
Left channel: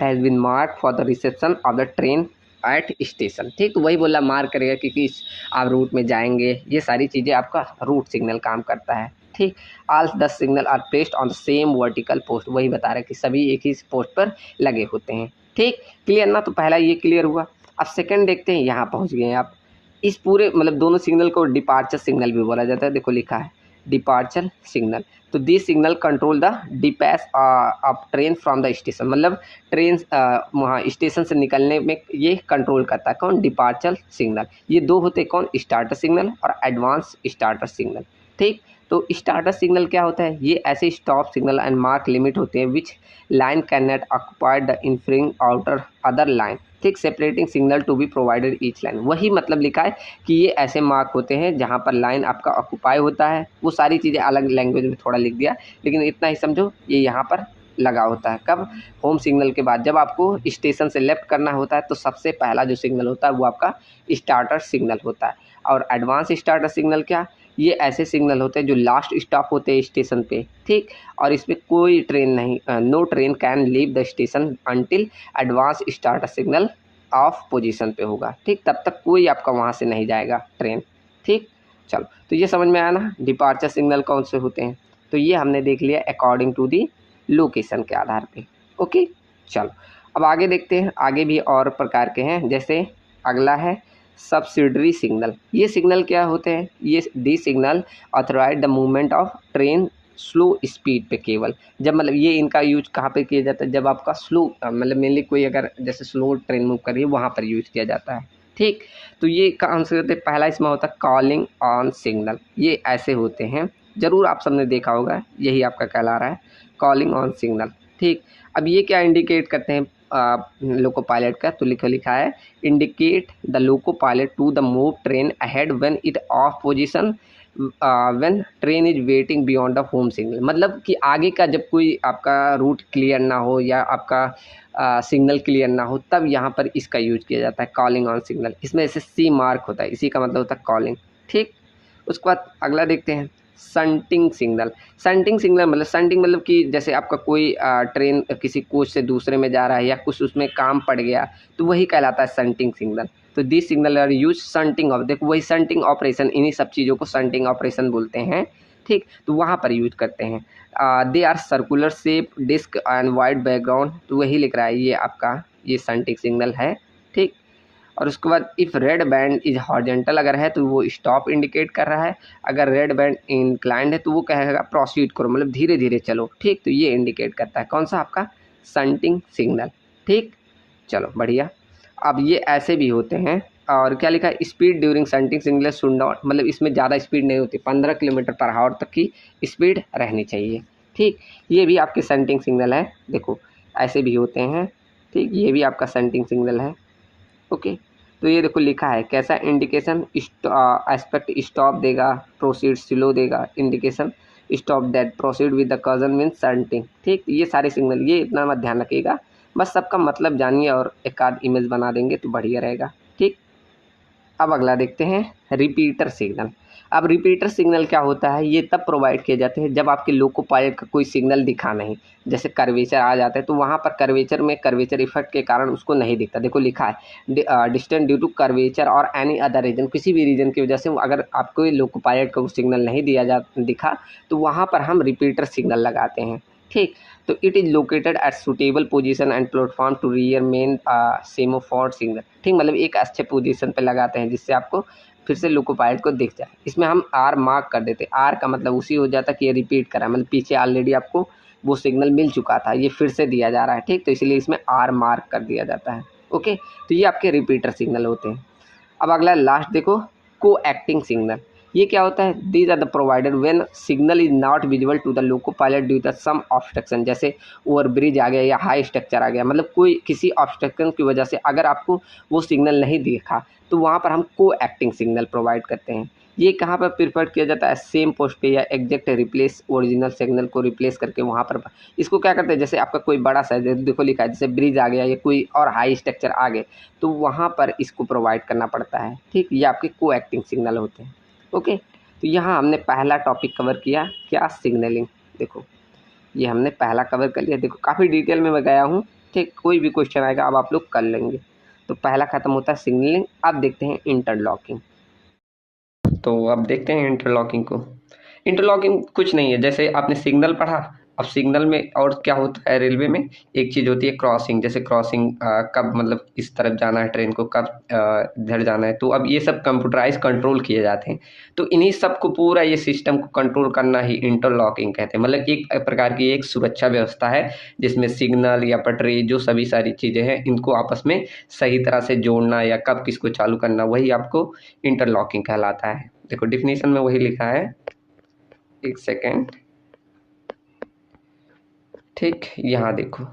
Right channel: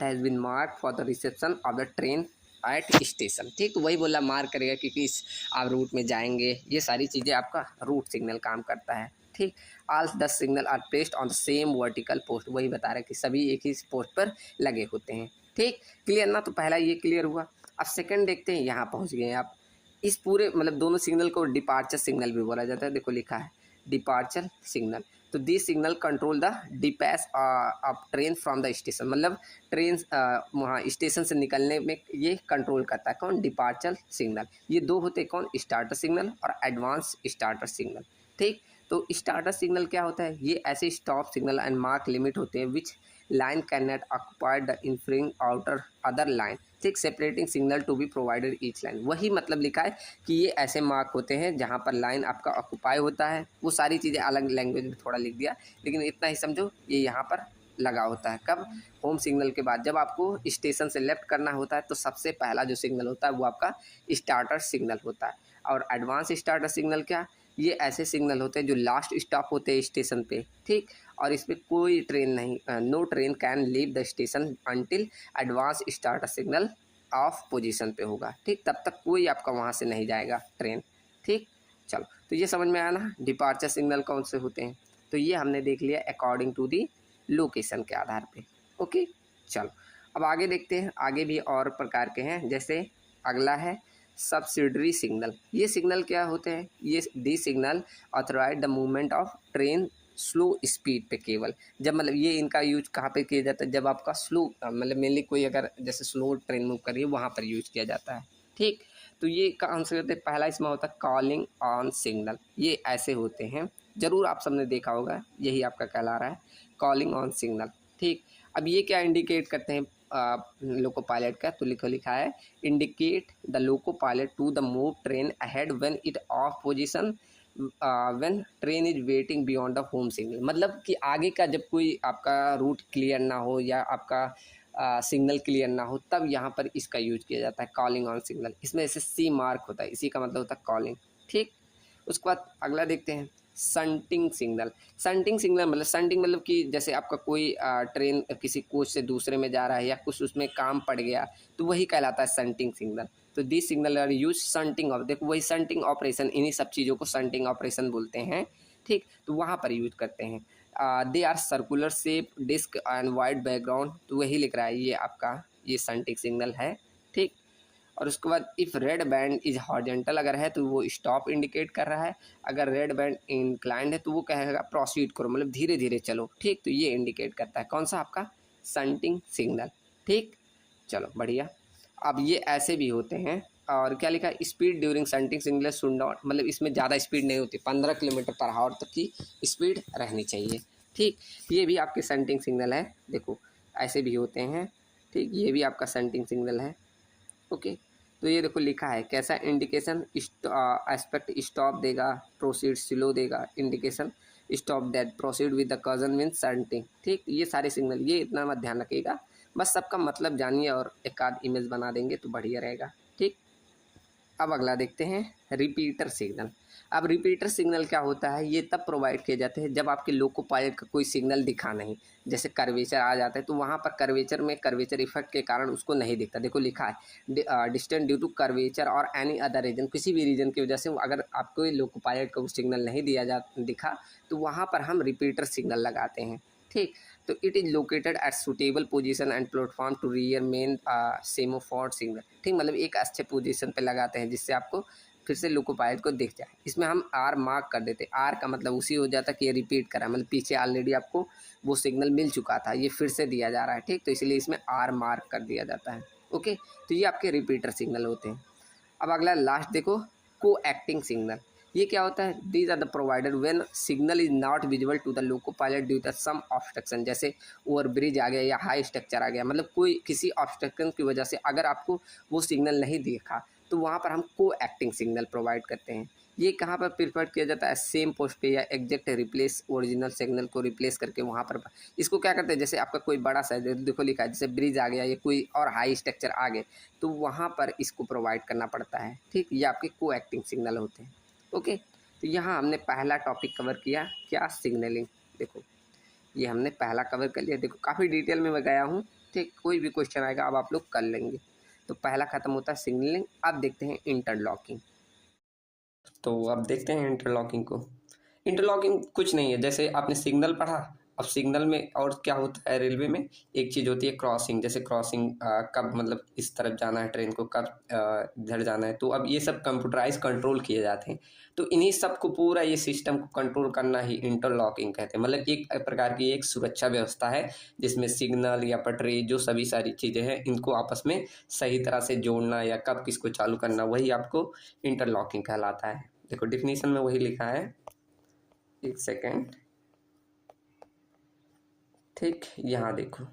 has been mark for the reception of the train at station. ठीक, तो वही बोला मार्क करेगा कि किस आप रूट में जाएंगे, ये सारी चीज़ें आपका रूट सिग्नल काम करता है। ठीक, all the signal are placed on the same vertical post, वही बता रहा है कि सभी एक ही पोस्ट पर लगे होते हैं। ठीक, क्लियर ना, तो पहला ये क्लियर हुआ। अब सेकंड देखते हैं, यहाँ पहुँच गए आप। इस पूरे मतलब दोनों सिग्नल को डिपार्चर सिग्नल भी बोला जाता है। देखो लिखा है डिपार्चर सिग्नल, तो this signal control the dispatch of train from the station, मतलब ट्रेन वहाँ स्टेशन से निकलने में ये कंट्रोल करता है। कौन, डिपार्चर सिग्नल। ये दो होते हैं, कौन, स्टार्टर सिग्नल और एडवांस स्टार्टर सिग्नल। ठीक, तो स्टार्टर सिग्नल क्या होता है, ये ऐसे stop signal and mark limit होते हैं which line can not occupy the infringe outer other line. ठीक, separating signal to be provided each line, वही मतलब लिखा है कि ये ऐसे मार्क होते हैं जहाँ पर लाइन आपका ऑक्युपाई होता है। वो सारी चीज़ें अलग लैंग्वेज में थोड़ा लिख दिया, लेकिन इतना ही समझो ये यहाँ पर लगा होता है। कब, होम सिग्नल के बाद जब आपको स्टेशन से लेफ्ट करना होता है तो सबसे पहला जो सिग्नल होता है वो आपका स्टार्टर सिग्नल होता है। और एडवांस स्टार्टर सिग्नल क्या, ये ऐसे सिग्नल होते हैं जो लास्ट स्टॉप होते हैं स्टेशन पे। ठीक, और इसमें कोई ट्रेन नहीं, no train can leave the station until advance starter signal off position पे होगा। ठीक, तब तक कोई आपका वहाँ से नहीं जाएगा ट्रेन। ठीक, चलो, तो ये समझ में आया ना डिपार्चर सिग्नल कौन से होते हैं। तो ये हमने देख लिया अकॉर्डिंग टू दी लोकेशन के आधार पे। ओके, चलो अब आगे देखते हैं, आगे भी और प्रकार के हैं। जैसे अगला है सब्सिडरी सिग्नल। ये सिग्नल क्या होते हैं, ये the signal authorise the movement of train slow speed पे केवल, जब मतलब ये इनका यूज कहाँ पे किया जाता है, जब आपका स्लो मतलब मेनली कोई अगर जैसे स्लो ट्रेन मूव कर रही है वहाँ पर यूज किया जाता है। ठीक, तो ये कौन से होते हैं, पहला इसमें होता है कॉलिंग ऑन सिग्नल। ये ऐसे होते हैं, ज़रूर आप सबने देखा होगा, यही आपका कहला रहा है कॉलिंग ऑन सिग्नल। ठीक, अब ये क्या इंडिकेट करते हैं लोको पायलट का, तो लिखा है indicate the loco pilot to the move train ahead when it off position when train is waiting beyond the home signal, मतलब कि आगे का जब कोई आपका रूट क्लियर ना हो या आपका सिग्नल क्लियर ना हो तब यहाँ पर इसका यूज किया जाता है कॉलिंग ऑन सिग्नल। इसमें ऐसे सी मार्क होता है, इसी का मतलब होता है कॉलिंग। ठीक, उसके बाद अगला देखते हैं संटिंग सिग्नल। संटिंग सिग्नल मतलब संटिंग मतलब कि जैसे आपका कोई ट्रेन किसी कोच से दूसरे में जा रहा है या कुछ उसमें काम पड़ गया तो वही कहलाता है संटिंग सिग्नल। तो this signal are use shunting off, देखो वही संटिंग ऑपरेशन, इन्हीं सब चीज़ों को संटिंग ऑपरेशन बोलते हैं। ठीक, तो वहाँ पर यूज करते हैं। They are circular shape disc and wide background, तो वही लिख रहा है ये आपका ये संटिंग सिग्नल है। ठीक, और उसके बाद if red band is horizontal अगर है तो वो स्टॉप इंडिकेट कर रहा है, अगर रेड बैंड इंक्लाइंड है तो वो कहेगा प्रोसीड करो, मतलब धीरे धीरे चलो। ठीक, तो ये इंडिकेट करता है कौन सा, आपका संटिंग सिग्नल। ठीक, चलो बढ़िया। अब ये ऐसे भी होते हैं, और क्या लिखा है speed during shunting signal should not, मतलब इसमें ज़्यादा स्पीड नहीं होती, 15 किलोमीटर पर आवर तक की स्पीड रहनी चाहिए। ठीक, ये भी आपके संटिंग सिग्नल है, देखो ऐसे भी होते हैं। ठीक, ये भी आपका संटिंग सिग्नल है। ओके, तो ये देखो लिखा है कैसा इंडिकेशन, एस्पेक्ट स्टॉप देगा, प्रोसीड स्लो देगा, indication stop that, proceed with the cousin mean shunting. ठीक, ये सारे सिग्नल, ये इतना मत ध्यान रखिएगा, बस सबका मतलब जानिए और एक आध इमेज बना देंगे तो बढ़िया रहेगा। ठीक, अब अगला देखते हैं रिपीटर सिग्नल। अब रिपीटर सिग्नल क्या होता है, ये तब प्रोवाइड किए जाते हैं जब आपके लोको पायलट का कोई सिग्नल दिखा नहीं, जैसे कर्वेचर आ जाता है तो वहाँ पर कर्वेचर में कर्वेचर इफेक्ट के कारण उसको नहीं दिखता। देखो लिखा है डिस्टेंस ड्यू टू कर्वेचर और एनी अदर रीजन, किसी भी रीजन की वजह से अगर आपको लोको पायलट का सिग्नल नहीं दिखा तो वहाँ पर हम रिपीटर सिग्नल लगाते हैं। ठीक, तो it is located at suitable position and platform to rear main semaphore signal. ठीक, मतलब एक अच्छे पोजीशन पे लगाते हैं जिससे आपको फिर से लोको पायलट को दिख जाए। इसमें हम आर मार्क कर देते, आर का मतलब उसी हो जाता कि ये रिपीट करा, मतलब पीछे ऑलरेडी आपको वो सिग्नल मिल चुका था, ये फिर से दिया जा रहा है। ठीक, तो इसलिए इसमें आर मार्क कर दिया जाता है। ओके, तो ये आपके रिपीटर सिग्नल होते हैं। अब अगला लास्ट देखो को एक्टिंग सिग्नल। ये क्या होता है, these are the provided when signal is not visible to the loco pilot due to some obstruction, जैसे ओवर ब्रिज आ गया या हाई स्ट्रक्चर आ गया, मतलब कोई किसी ऑब्स्ट्रक्शन की वजह से अगर आपको वो सिग्नल नहीं दिखा तो वहाँ पर हम को एक्टिंग सिग्नल प्रोवाइड करते हैं। ये कहाँ पर प्रिफर किया जाता है, सेम पोस्ट पे या एग्जैक्ट रिप्लेस ओरिजिनल सिग्नल को रिप्लेस करके वहाँ पर इसको क्या करते हैं, जैसे आपका कोई बड़ा सा देखो लिखा है जैसे ब्रिज आ गया या कोई और हाई स्ट्रक्चर आ गए तो वहाँ पर इसको प्रोवाइड करना पड़ता है। ठीक, ये आपके को एक्टिंग सिग्नल होते हैं। ओके, तो यहाँ हमने पहला टॉपिक कवर किया, क्या, सिग्नलिंग। देखो ये हमने पहला कवर कर लिया, देखो काफ़ी डिटेल में मैं गया हूँ। ठीक, कोई भी क्वेश्चन आएगा अब आप लोग कर लेंगे। तो पहला खत्म होता है सिग्नलिंग। अब देखते हैं इंटरलॉकिंग। तो अब देखते हैं इंटरलॉकिंग को। इंटरलॉकिंग कुछ नहीं है, जैसे आपने सिग्नल पढ़ा, अब सिग्नल में और क्या होता है रेलवे में, एक चीज़ होती है क्रॉसिंग। जैसे क्रॉसिंग कब मतलब इस तरफ जाना है ट्रेन को, कब इधर जाना है, तो अब ये सब कंप्यूटराइज कंट्रोल किए जाते हैं। तो इन्हीं सब को पूरा ये सिस्टम को कंट्रोल करना ही इंटरलॉकिंग कहते हैं। मतलब एक प्रकार की एक सुरक्षा व्यवस्था है जिसमें सिग्नल या पटरी जो सभी सारी चीज़ें हैं इनको आपस में सही तरह से जोड़ना या कब किसको चालू करना, वही आपको इंटरलॉकिंग कहलाता है। देखो डिफिनीशन में वही लिखा है, एक सेकेंड। ठीक, यहाँ देखो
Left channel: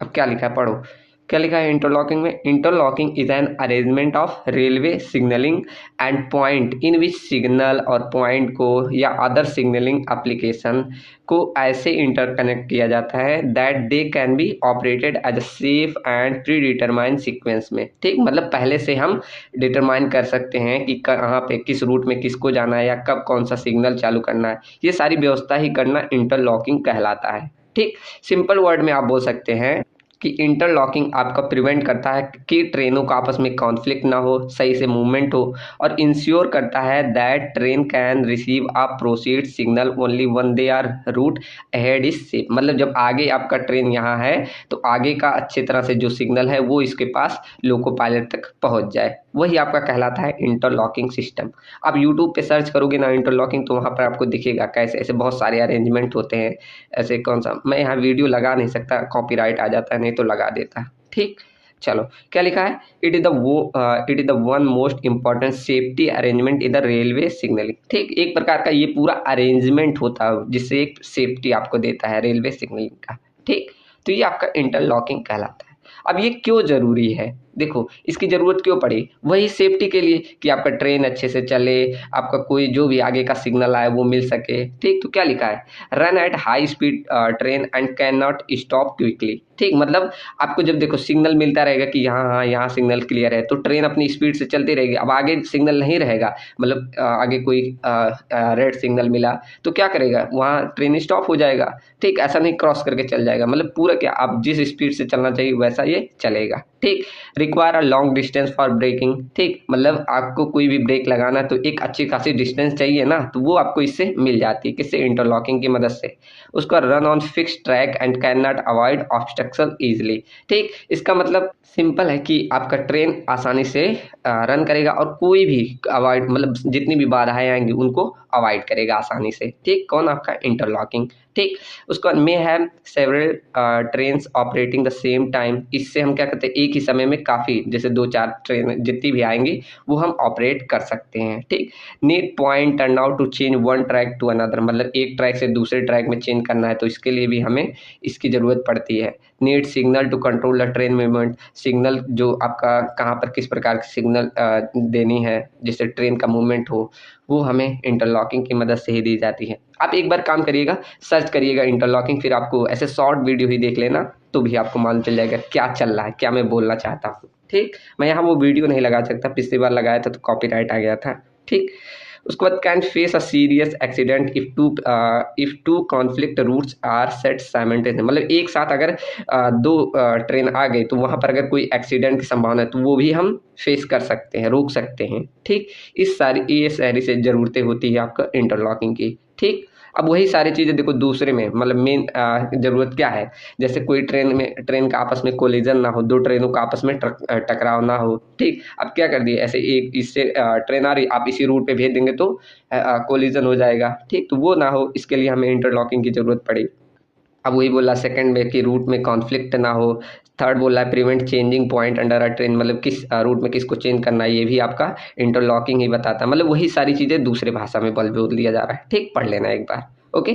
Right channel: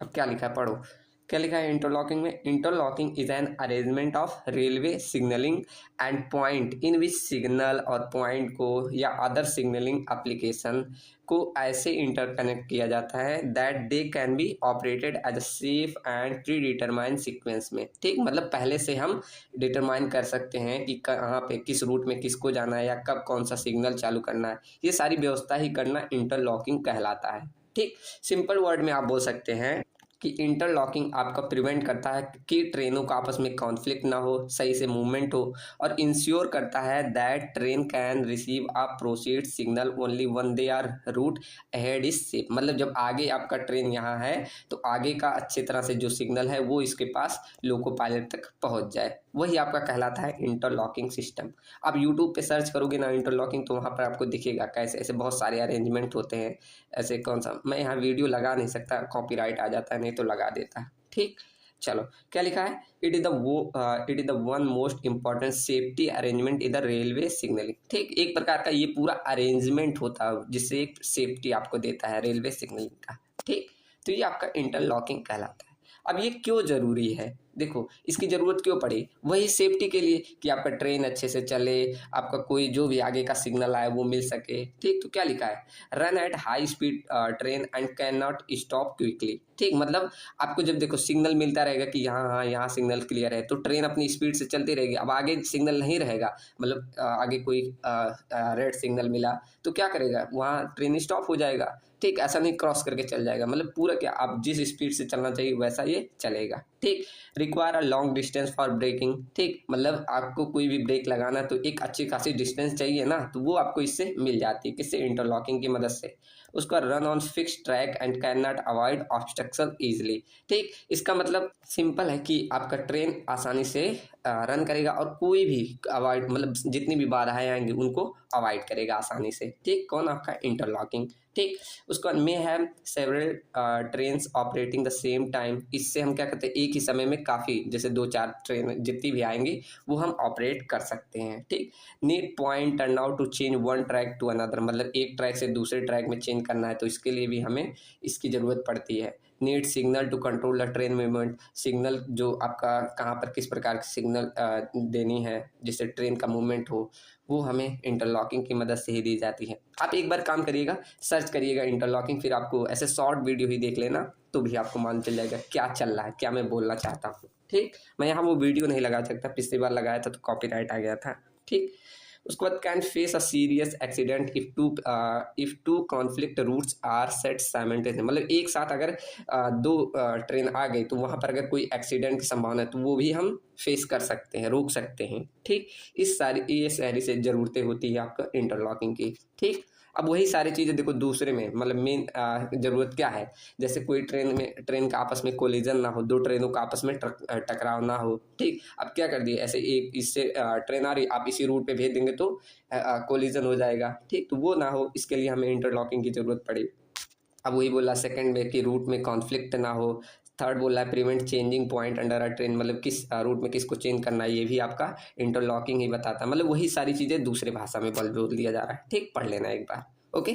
अब क्या लिखा है, पढ़ो क्या लिखा है इंटरलॉकिंग में। Interlocking is an arrangement of railway signalling and point in which signal और पॉइंट को या अदर सिग्नलिंग एप्लीकेशन को ऐसे इंटरकनेक्ट किया जाता है that they can be operated as a safe and predetermine sequence में। ठीक, मतलब पहले से हम डिटरमाइन कर सकते हैं कि कहाँ पे किस रूट में किसको जाना है या कब कौन सा सिग्नल चालू करना है, ये सारी व्यवस्था ही करना इंटरलॉकिंग कहलाता है। ठीक, सिंपल वर्ड में आप बोल सकते हैं कि इंटरलॉकिंग आपका प्रिवेंट करता है कि ट्रेनों का आपस में कॉन्फ्लिक्ट ना हो, सही से मूवमेंट हो, और इंश्योर करता है that train can receive a proceed signal only when they are route ahead is safe. मतलब जब आगे आपका ट्रेन यहाँ है तो आगे का अच्छी तरह से जो सिग्नल है वो इसके पास लोको पायलट तक पहुँच जाए, वही आपका कहलाता है इंटरलॉकिंग सिस्टम। आप यूट्यूब पे सर्च करोगे ना इंटरलॉकिंग तो वहाँ पर आपको दिखेगा कैसे ऐसे बहुत सारे अरेंजमेंट होते हैं। ऐसे कौन सा, मैं यहाँ वीडियो लगा नहीं सकता, कॉपीराइट आ जाता है, नहीं तो लगा देता। ठीक, चलो क्या लिखा है, it is the one most important safety arrangement in the railway signalling. ठीक, एक प्रकार का ये पूरा अरेंजमेंट होता है जिससे एक सेफ्टी आपको देता है रेलवे सिग्नलिंग का। ठीक, तो ये आपका इंटरलॉकिंग कहलाता है। अब ये क्यों ज़रूरी है, देखो इसकी ज़रूरत क्यों पड़ी, वही सेफ्टी के लिए कि आपका ट्रेन अच्छे से चले, आपका कोई जो भी आगे का सिग्नल आए वो मिल सके। ठीक, तो क्या लिखा है, run at high speed train and can not stop quickly. ठीक, मतलब आपको जब देखो सिग्नल मिलता रहेगा कि यहाँ हाँ यहाँ सिग्नल क्लियर है तो ट्रेन अपनी स्पीड से चलती रहेगी। अब आगे सिग्नल नहीं रहेगा, मतलब आगे कोई रेड सिग्नल मिला तो क्या करेगा, वहाँ ट्रेन स्टॉप हो जाएगा। ठीक, ऐसा नहीं क्रॉस करके चल जाएगा, मतलब पूरा क्या आप जिस स्पीड से चलना चाहिए वैसा ये चलेगा। ठीक, require a long distance for braking. ठीक, मतलब आपको कोई भी ब्रेक लगाना तो एक अच्छी खासी डिस्टेंस चाहिए ना, तो वो आपको इससे मिल जाती है, किससे, इंटरलॉकिंग की मदद से। उसका run on fix track and can not avoid obstruction easily. ठीक, इसका मतलब सिंपल है कि आपका ट्रेन आसानी से रन करेगा और कोई भी अवॉइड, मतलब जितनी भी बाधाएं आएंगी उनको अवॉइड करेगा आसानी से। ठीक, कौन, आपका इंटरलॉकिंग। ठीक, उसको may have several trains operating the same time. इससे हम क्या करते हैं, एक ही समय में काफ़ी, जैसे 2-4 ट्रेन जितनी भी आएंगी वो हम ऑपरेट कर सकते हैं। ठीक, need point turn out to change one track to another, मतलब एक ट्रैक से दूसरे ट्रैक में चेंज करना है तो इसके लिए भी हमें इसकी ज़रूरत पड़ती है। Need signal to control the train movement, signal जो आपका कहाँ पर किस प्रकार की सिग्नल देनी है जिससे ट्रेन का मूवमेंट हो, वो हमें इंटरलॉकिंग की मदद से ही दी जाती है। आप एक बार काम करिएगा, सर्च करिएगा इंटरलॉकिंग, फिर आपको ऐसे शॉर्ट वीडियो ही देख लेना तो भी आपको मालूम चल जाएगा क्या चल रहा है, क्या मैं बोलना चाहता हूँ। ठीक, मैं यहाँ वो वीडियो नहीं लगा सकता, पिछली बार लगाया था तो कॉपीराइट आ गया था। ठीक, उसके बाद can face a serious accident if two conflict routes are set simultaneously, मतलब एक साथ अगर दो ट्रेन आ गई तो वहाँ पर अगर कोई एक्सीडेंट की संभावना है तो वो भी हम फेस कर सकते हैं, रोक सकते हैं। ठीक, ये सारी से ज़रूरतें होती है आपका इंटरलॉकिंग की। ठीक, अब वही सारी चीज़ें देखो दूसरे में, मतलब मेन ज़रूरत क्या है, जैसे कोई ट्रेन का आपस में कोलिजन ना हो, दो ट्रेनों का आपस में टकराव ना हो। ठीक, अब क्या कर दिए, ऐसे एक इससे ट्रेन आ रही, आप इसी रूट पे भेज देंगे तो कोलिजन हो जाएगा। ठीक, तो वो ना हो इसके लिए हमें इंटरलॉकिंग की ज़रूरत पड़ी। अब वही बोला सेकंड में कि रूट में कॉन्फ्लिक्ट ना हो। थर्ड बोला है prevent changing point under a train, मतलब किस रूट में किसको चेंज करना है ये भी आपका इंटरलॉकिंग ही बताता है। मतलब वही सारी चीज़ें दूसरे भाषा में बोल दिया जा रहा है। ठीक, पढ़ लेना एक बार। ओके,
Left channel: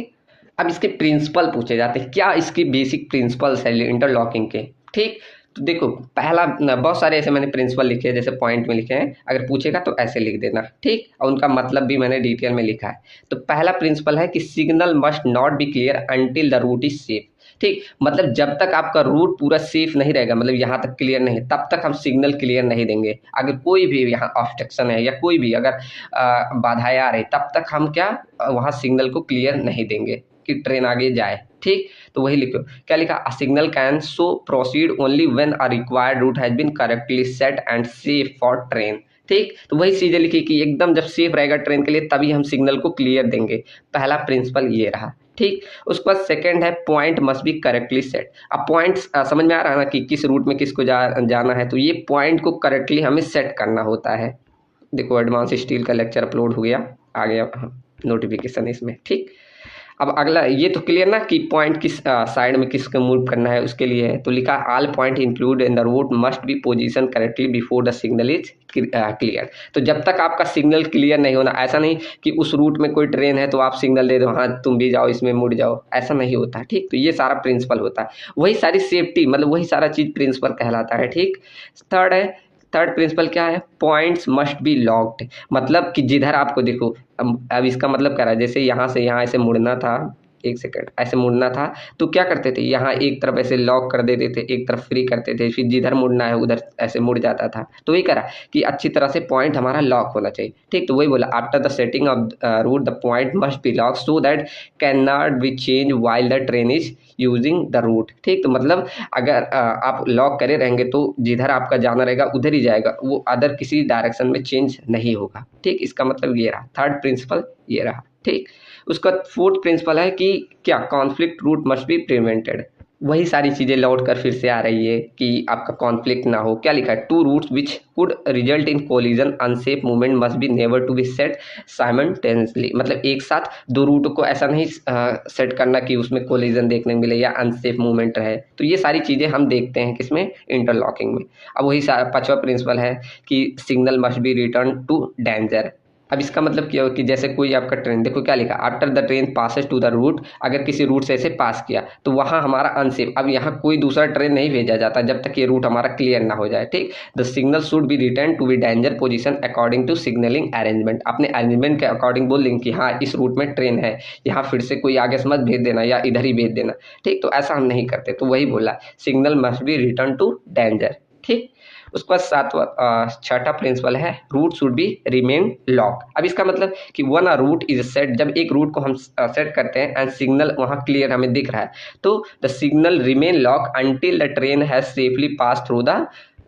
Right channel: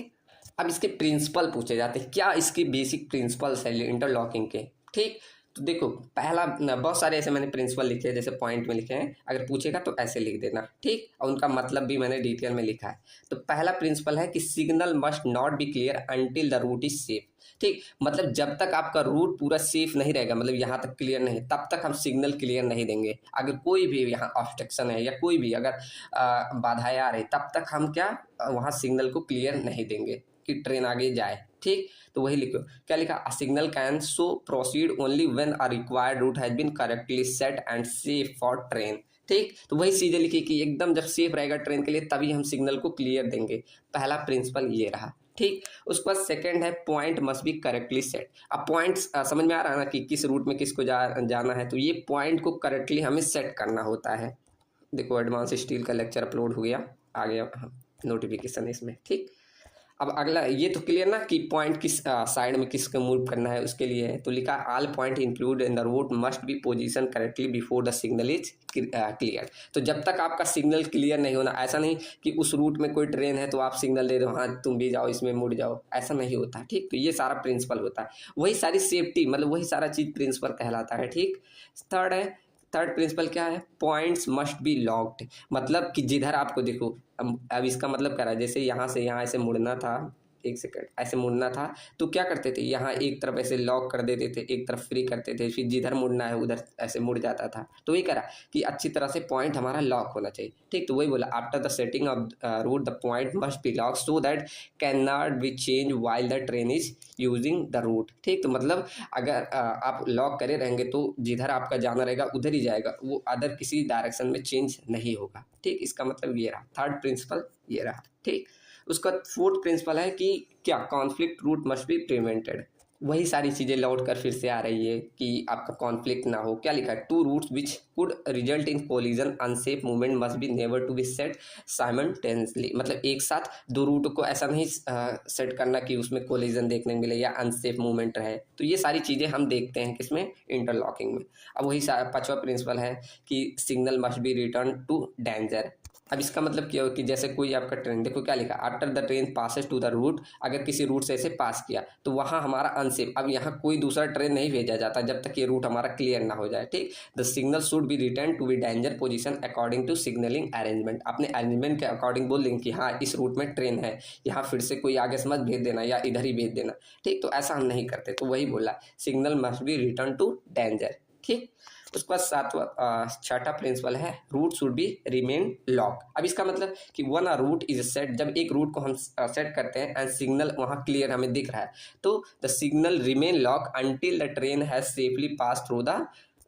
अब इसके प्रिंसिपल पूछे जाते हैं, क्या इसकी बेसिक प्रिंसिपल्स है इंटरलॉकिंग के। ठीक, तो देखो पहला बहुत सारे ऐसे मैंने प्रिंसिपल लिखे हैं, जैसे पॉइंट में लिखे हैं, अगर पूछेगा तो ऐसे लिख देना, ठीक। और उनका मतलब भी मैंने डिटेल में लिखा है। तो पहला प्रिंसिपल है कि signal must not be clear until the route is safe, ठीक। मतलब जब तक आपका रूट पूरा सेफ नहीं रहेगा, मतलब यहाँ तक क्लियर नहीं, तब तक हम सिग्नल क्लियर नहीं देंगे। अगर कोई भी यहाँ ऑब्स्ट्रक्शन है या कोई भी अगर बाधाएं आ रही, तब तक हम क्या वहाँ सिग्नल को क्लियर नहीं देंगे कि ट्रेन आगे जाए, ठीक। तो वही लिखो, क्या लिखा, a signal can show proceed only when a required route has been correctly set and safe for train, ठीक। तो वही चीजें लिखी कि एकदम जब सेफ रहेगा ट्रेन के लिए तभी हम सिग्नल को क्लियर देंगे। पहला प्रिंसिपल ये रहा, ठीक। उसके बाद सेकंड है point must B correctly set. अब पॉइंट समझ में आ रहा है ना कि किस रूट में किसको जाना है, तो ये पॉइंट को करेक्टली हमें सेट करना होता है। देखो एडवांस स्टील का लेक्चर अपलोड हो गया, आ गया नोटिफिकेशन इसमें, ठीक। अब अगला ये तो क्लियर ना कि पॉइंट किस साइड में किसको मूव करना है, उसके लिए है। तो लिखा all point include in the route must be position correctly before the signal is clear. तो जब तक आपका सिग्नल क्लियर नहीं होना, ऐसा नहीं कि उस रूट में कोई ट्रेन है तो आप सिग्नल दे दो, हाँ तुम भी जाओ इसमें मुड़ जाओ, ऐसा नहीं होता, ठीक। तो ये सारा प्रिंसिपल होता है, वही सारी सेफ्टी मतलब वही सारा चीज़ प्रिंसिपल कहलाता है, ठीक। थर्ड प्रिंसिपल क्या है, पॉइंट्स मस्ट बी लॉक्ड। मतलब कि जिधर आपको देखो, अब इसका मतलब क्या रहा है, जैसे यहाँ से यहाँ ऐसे मुड़ना था, एक सेकंड ऐसे मुड़ना था, तो क्या करते थे, यहाँ एक तरफ ऐसे लॉक कर देते थे, एक तरफ फ्री करते थे, फिर जिधर मुड़ना है उधर ऐसे मुड़ जाता था। तो वही करा कि अच्छी तरह से पॉइंट हमारा लॉक होना चाहिए, ठीक। तो वही बोला, after the setting of route the point must be lock so that can not be change while the train is using the route, ठीक। तो मतलब अगर आप लॉक करे रहेंगे तो जिधर आपका जाना रहेगा उधर ही जाएगा, वो अदर किसी डायरेक्शन में चेंज नहीं होगा, ठीक। इसका मतलब ये रहा, थर्ड प्रिंसिपल ये रहा, ठीक। उसका फोर्थ प्रिंसिपल है कि क्या, conflict route must be prevented. वही सारी चीज़ें लौट कर फिर से आ रही है कि आपका कॉन्फ्लिक्ट ना हो। क्या लिखा है, two routes which could result in collision unsafe movement must be never to be set simultaneously. मतलब एक साथ दो रूट को ऐसा नहीं सेट करना कि उसमें कोलिजन देखने मिले या अनसेफ मूवमेंट रहे। तो ये सारी चीज़ें हम देखते हैं किसमें, इंटरलॉकिंग में। अब वही पांचवा प्रिंसिपल है कि signal must be return to danger. अब इसका मतलब क्या हो कि जैसे कोई आपका ट्रेन, देखो क्या लिखा, after the train passes to the route, अगर किसी रूट से ऐसे पास किया तो वहाँ हमारा अनसेफ, अब यहाँ कोई दूसरा ट्रेन नहीं भेजा जाता जब तक ये रूट हमारा क्लियर ना हो जाए, ठीक। The signal should be return to be danger position according to signalling arrangement. अपने अरेंजमेंट के अकॉर्डिंग बोल देंगे कि हाँ इस रूट में ट्रेन है, यहाँ फिर से कोई आगे से मत भेज देना या इधर ही भेज देना, ठीक। तो ऐसा हम नहीं करते। तो वही बोला, signal must be return to danger, ठीक। उसके बाद छठा प्रिंसिपल है, route should be remain lock. अब इसका मतलब कि one a route is set, जब एक रूट को हम सेट करते हैं एंड सिग्नल वहाँ क्लियर हमें दिख रहा है, तो the signal remain lock until the train has safely pass through the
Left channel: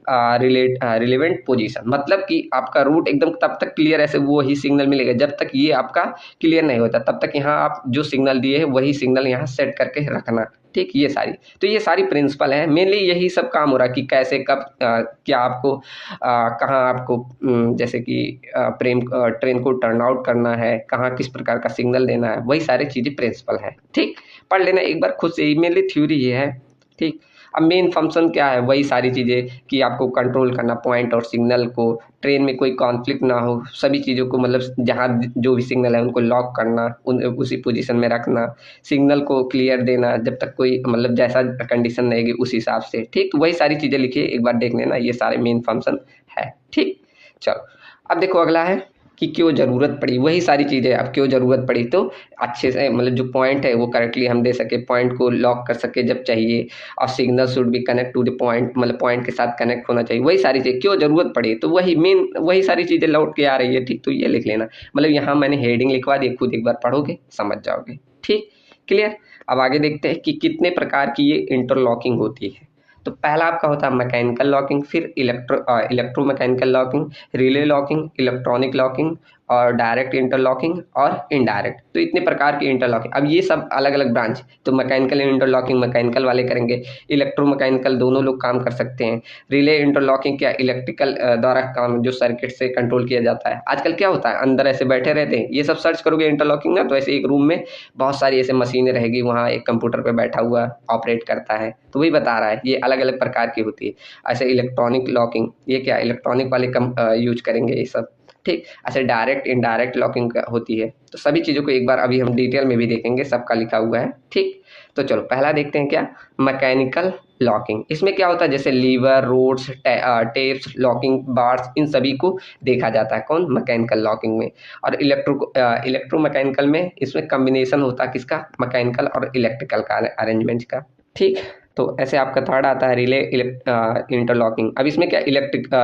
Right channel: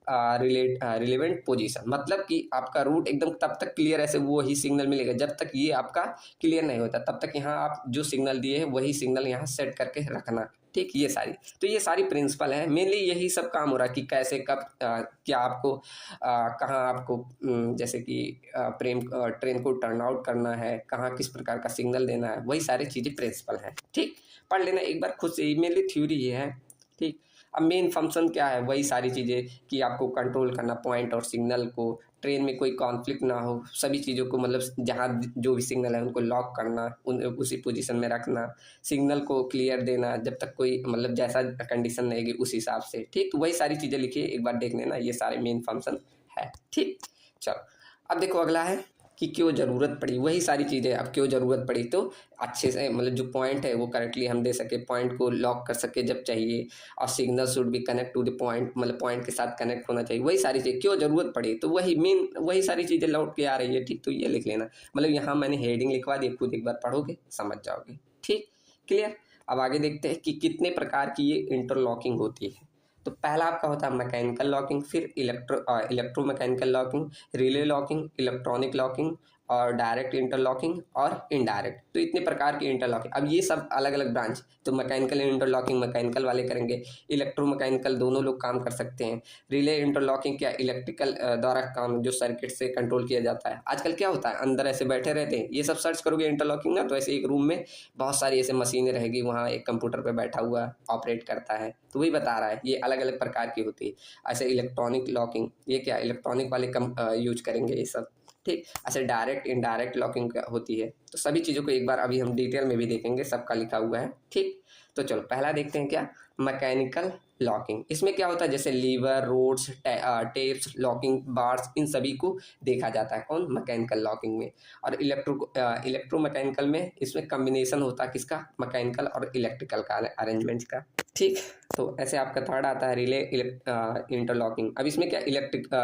relevant position. मतलब कि आपका रूट एकदम तब तक क्लियर ऐसे वो ही सिग्नल मिलेगा जब तक ये आपका क्लियर नहीं होता, तब तक यहाँ आप जो सिग्नल दिए हैं वही सिग्नल यहाँ सेट करके रखना, ठीक। ये सारी प्रिंसिपल है, मेनली यही सब काम हो रहा है कि कैसे कब क्या आपको कहाँ आपको जैसे कि ट्रेन को टर्न आउट करना है, कहाँ किस प्रकार का सिग्नल देना है, वही सारी चीज़ें प्रिंसिपल है, ठीक। पढ़ लेना एक बार खुद से, मेनली थ्योरी ये है, ठीक। अब मेन फंक्शन क्या है, वही सारी चीज़ें कि आपको कंट्रोल करना पॉइंट और सिग्नल को, ट्रेन में कोई कॉन्फ्लिक्ट ना हो, सभी चीज़ों को मतलब जहाँ जो भी सिग्नल है उनको लॉक करना, उसी पोजीशन में रखना, सिग्नल को क्लियर देना जब तक कोई मतलब जैसा कंडीशन रहेगी उस हिसाब से, ठीक। तो वही सारी चीज़ें लिखिए, एक बार देख लेना, ये सारे मेन फंक्शन है, ठीक। चलो अब देखो अगला है कि क्यों ज़रूरत पड़ी, वही सारी चीज़ें। अब क्यों ज़रूरत पड़ी, तो अच्छे से मतलब जो पॉइंट है वो करेक्टली हम दे सके, पॉइंट को लॉक कर सके जब चाहिए, और signal should be connect to the point, मतलब पॉइंट के साथ कनेक्ट होना चाहिए, वही सारी चीज़ें क्यों ज़रूरत पड़ी। तो वही मेन वही सारी चीज़ें लौट के आ रही है, ठीक। तो ये लिख लेना, मतलब यहाँ मैंने हेडिंग लिखवा दी, खुद एक बार पढ़ोगे समझ जाओगे, ठीक, क्लियर। अब आगे देखते हैं कि कितने प्रकार की ये इंटरलॉकिंग होती है। तो पहला आपका होता है मैकेनिकल लॉकिंग, फिर electromechanical locking, relay locking, electronic locking और डायरेक्ट इंटरलॉकिंग और इनडायरेक्ट। तो इतने प्रकार की इंटरलॉकिंग, अब ये सब अलग अलग ब्रांच। तो मैकेनिकल इंटरलॉकिंग मैकेनिकल वाले करेंगे, इलेक्ट्रोमैकेनिकल दोनों लोग काम कर सकते हैं, रिले इंटरलॉकिंग क्या इलेक्ट्रिकल द्वारा काम, जो सर्किट से कंट्रोल किया जाता है। आजकल क्या होता है, अंदर ऐसे बैठे रहते हैं, ये सब सर्च करोगे इंटरलॉकिंग ना, तो ऐसे एक रूम में बहुत सारी ऐसे मशीनें रहेगी, वहाँ एक कंप्यूटर पर बैठा हुआ ऑपरेट करता है, तो वही बता रहा है, ये अलग अलग प्रकार की होती है। ऐसे इलेक्ट्रॉनिक लॉकिंग, ये क्या इलेक्ट्रॉनिक वाले यूज करेंगे ये सब, ठीक। ऐसे डायरेक्ट इनडायरेक्ट लॉकिंग होती है। तो सभी चीज़ों को एक बार अभी हम डिटेल में भी देखेंगे, सबका लिखा हुआ है, ठीक। तो चलो पहला देखते हैं क्या, मैकेनिकल लॉकिंग। इसमें क्या होता है, जैसे lever, rods, tapes, locking bars, इन सभी को देखा जाता है कौन, मैकेनिकल लॉकिंग में। और इलेक्ट्रोमैकेनिकल में इसमें कम्बिनेशन होता है किसका, मैकेनिकल और इलेक्ट्रिकल का अरेंजमेंट का। ठीक, तो ऐसे आपका थर्ड आता है रिले इंटरलॉकिंग। अब इसमें क्या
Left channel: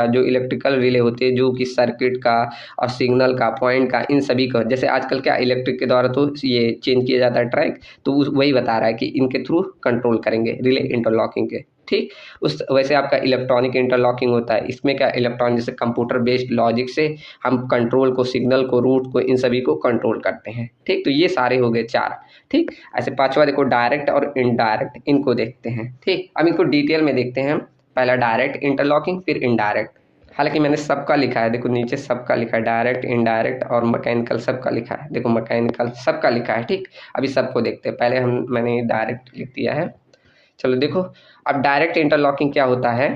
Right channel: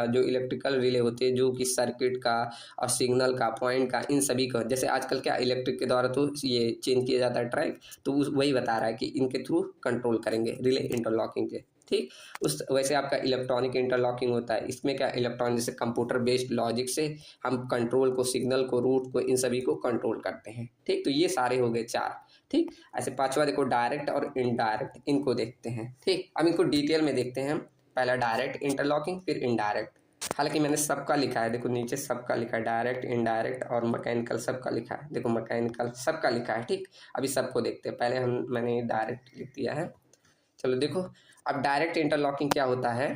जो इलेक्ट्रिकल रिले होते हैं जो कि सर्किट का और सिग्नल का, पॉइंट का, इन सभी का, जैसे आजकल क्या इलेक्ट्रिक के द्वारा तो ये चेंज किया जाता है ट्रैक, तो वही बता रहा है कि इनके थ्रू कंट्रोल करेंगे रिले इंटरलॉकिंग के। ठीक, उस वैसे आपका इलेक्ट्रॉनिक इंटरलॉकिंग होता है। इसमें क्या इलेक्ट्रॉनिक जैसे कंप्यूटर बेस्ड लॉजिक से हम कंट्रोल को, सिग्नल को, रूट को, इन सभी को कंट्रोल करते हैं। ठीक, तो ये सारे हो गए 4। ठीक, ऐसे पांचवा देखो डायरेक्ट और इनडायरेक्ट, इनको देखते हैं। ठीक, अब इनको डिटेल में देखते हैं। पहला डायरेक्ट इंटरलॉकिंग, फिर इनडायरेक्ट। हालांकि मैंने सबका लिखा है, देखो नीचे सबका लिखा है, डायरेक्ट, इनडायरेक्ट और मैकेनिकल सबका लिखा है। देखो मैकेनिकल सबका लिखा है। ठीक, अभी सबको देखते हैं। पहले मैंने डायरेक्ट लिख दिया है। चलो देखो, अब डायरेक्ट इंटरलॉकिंग क्या होता है,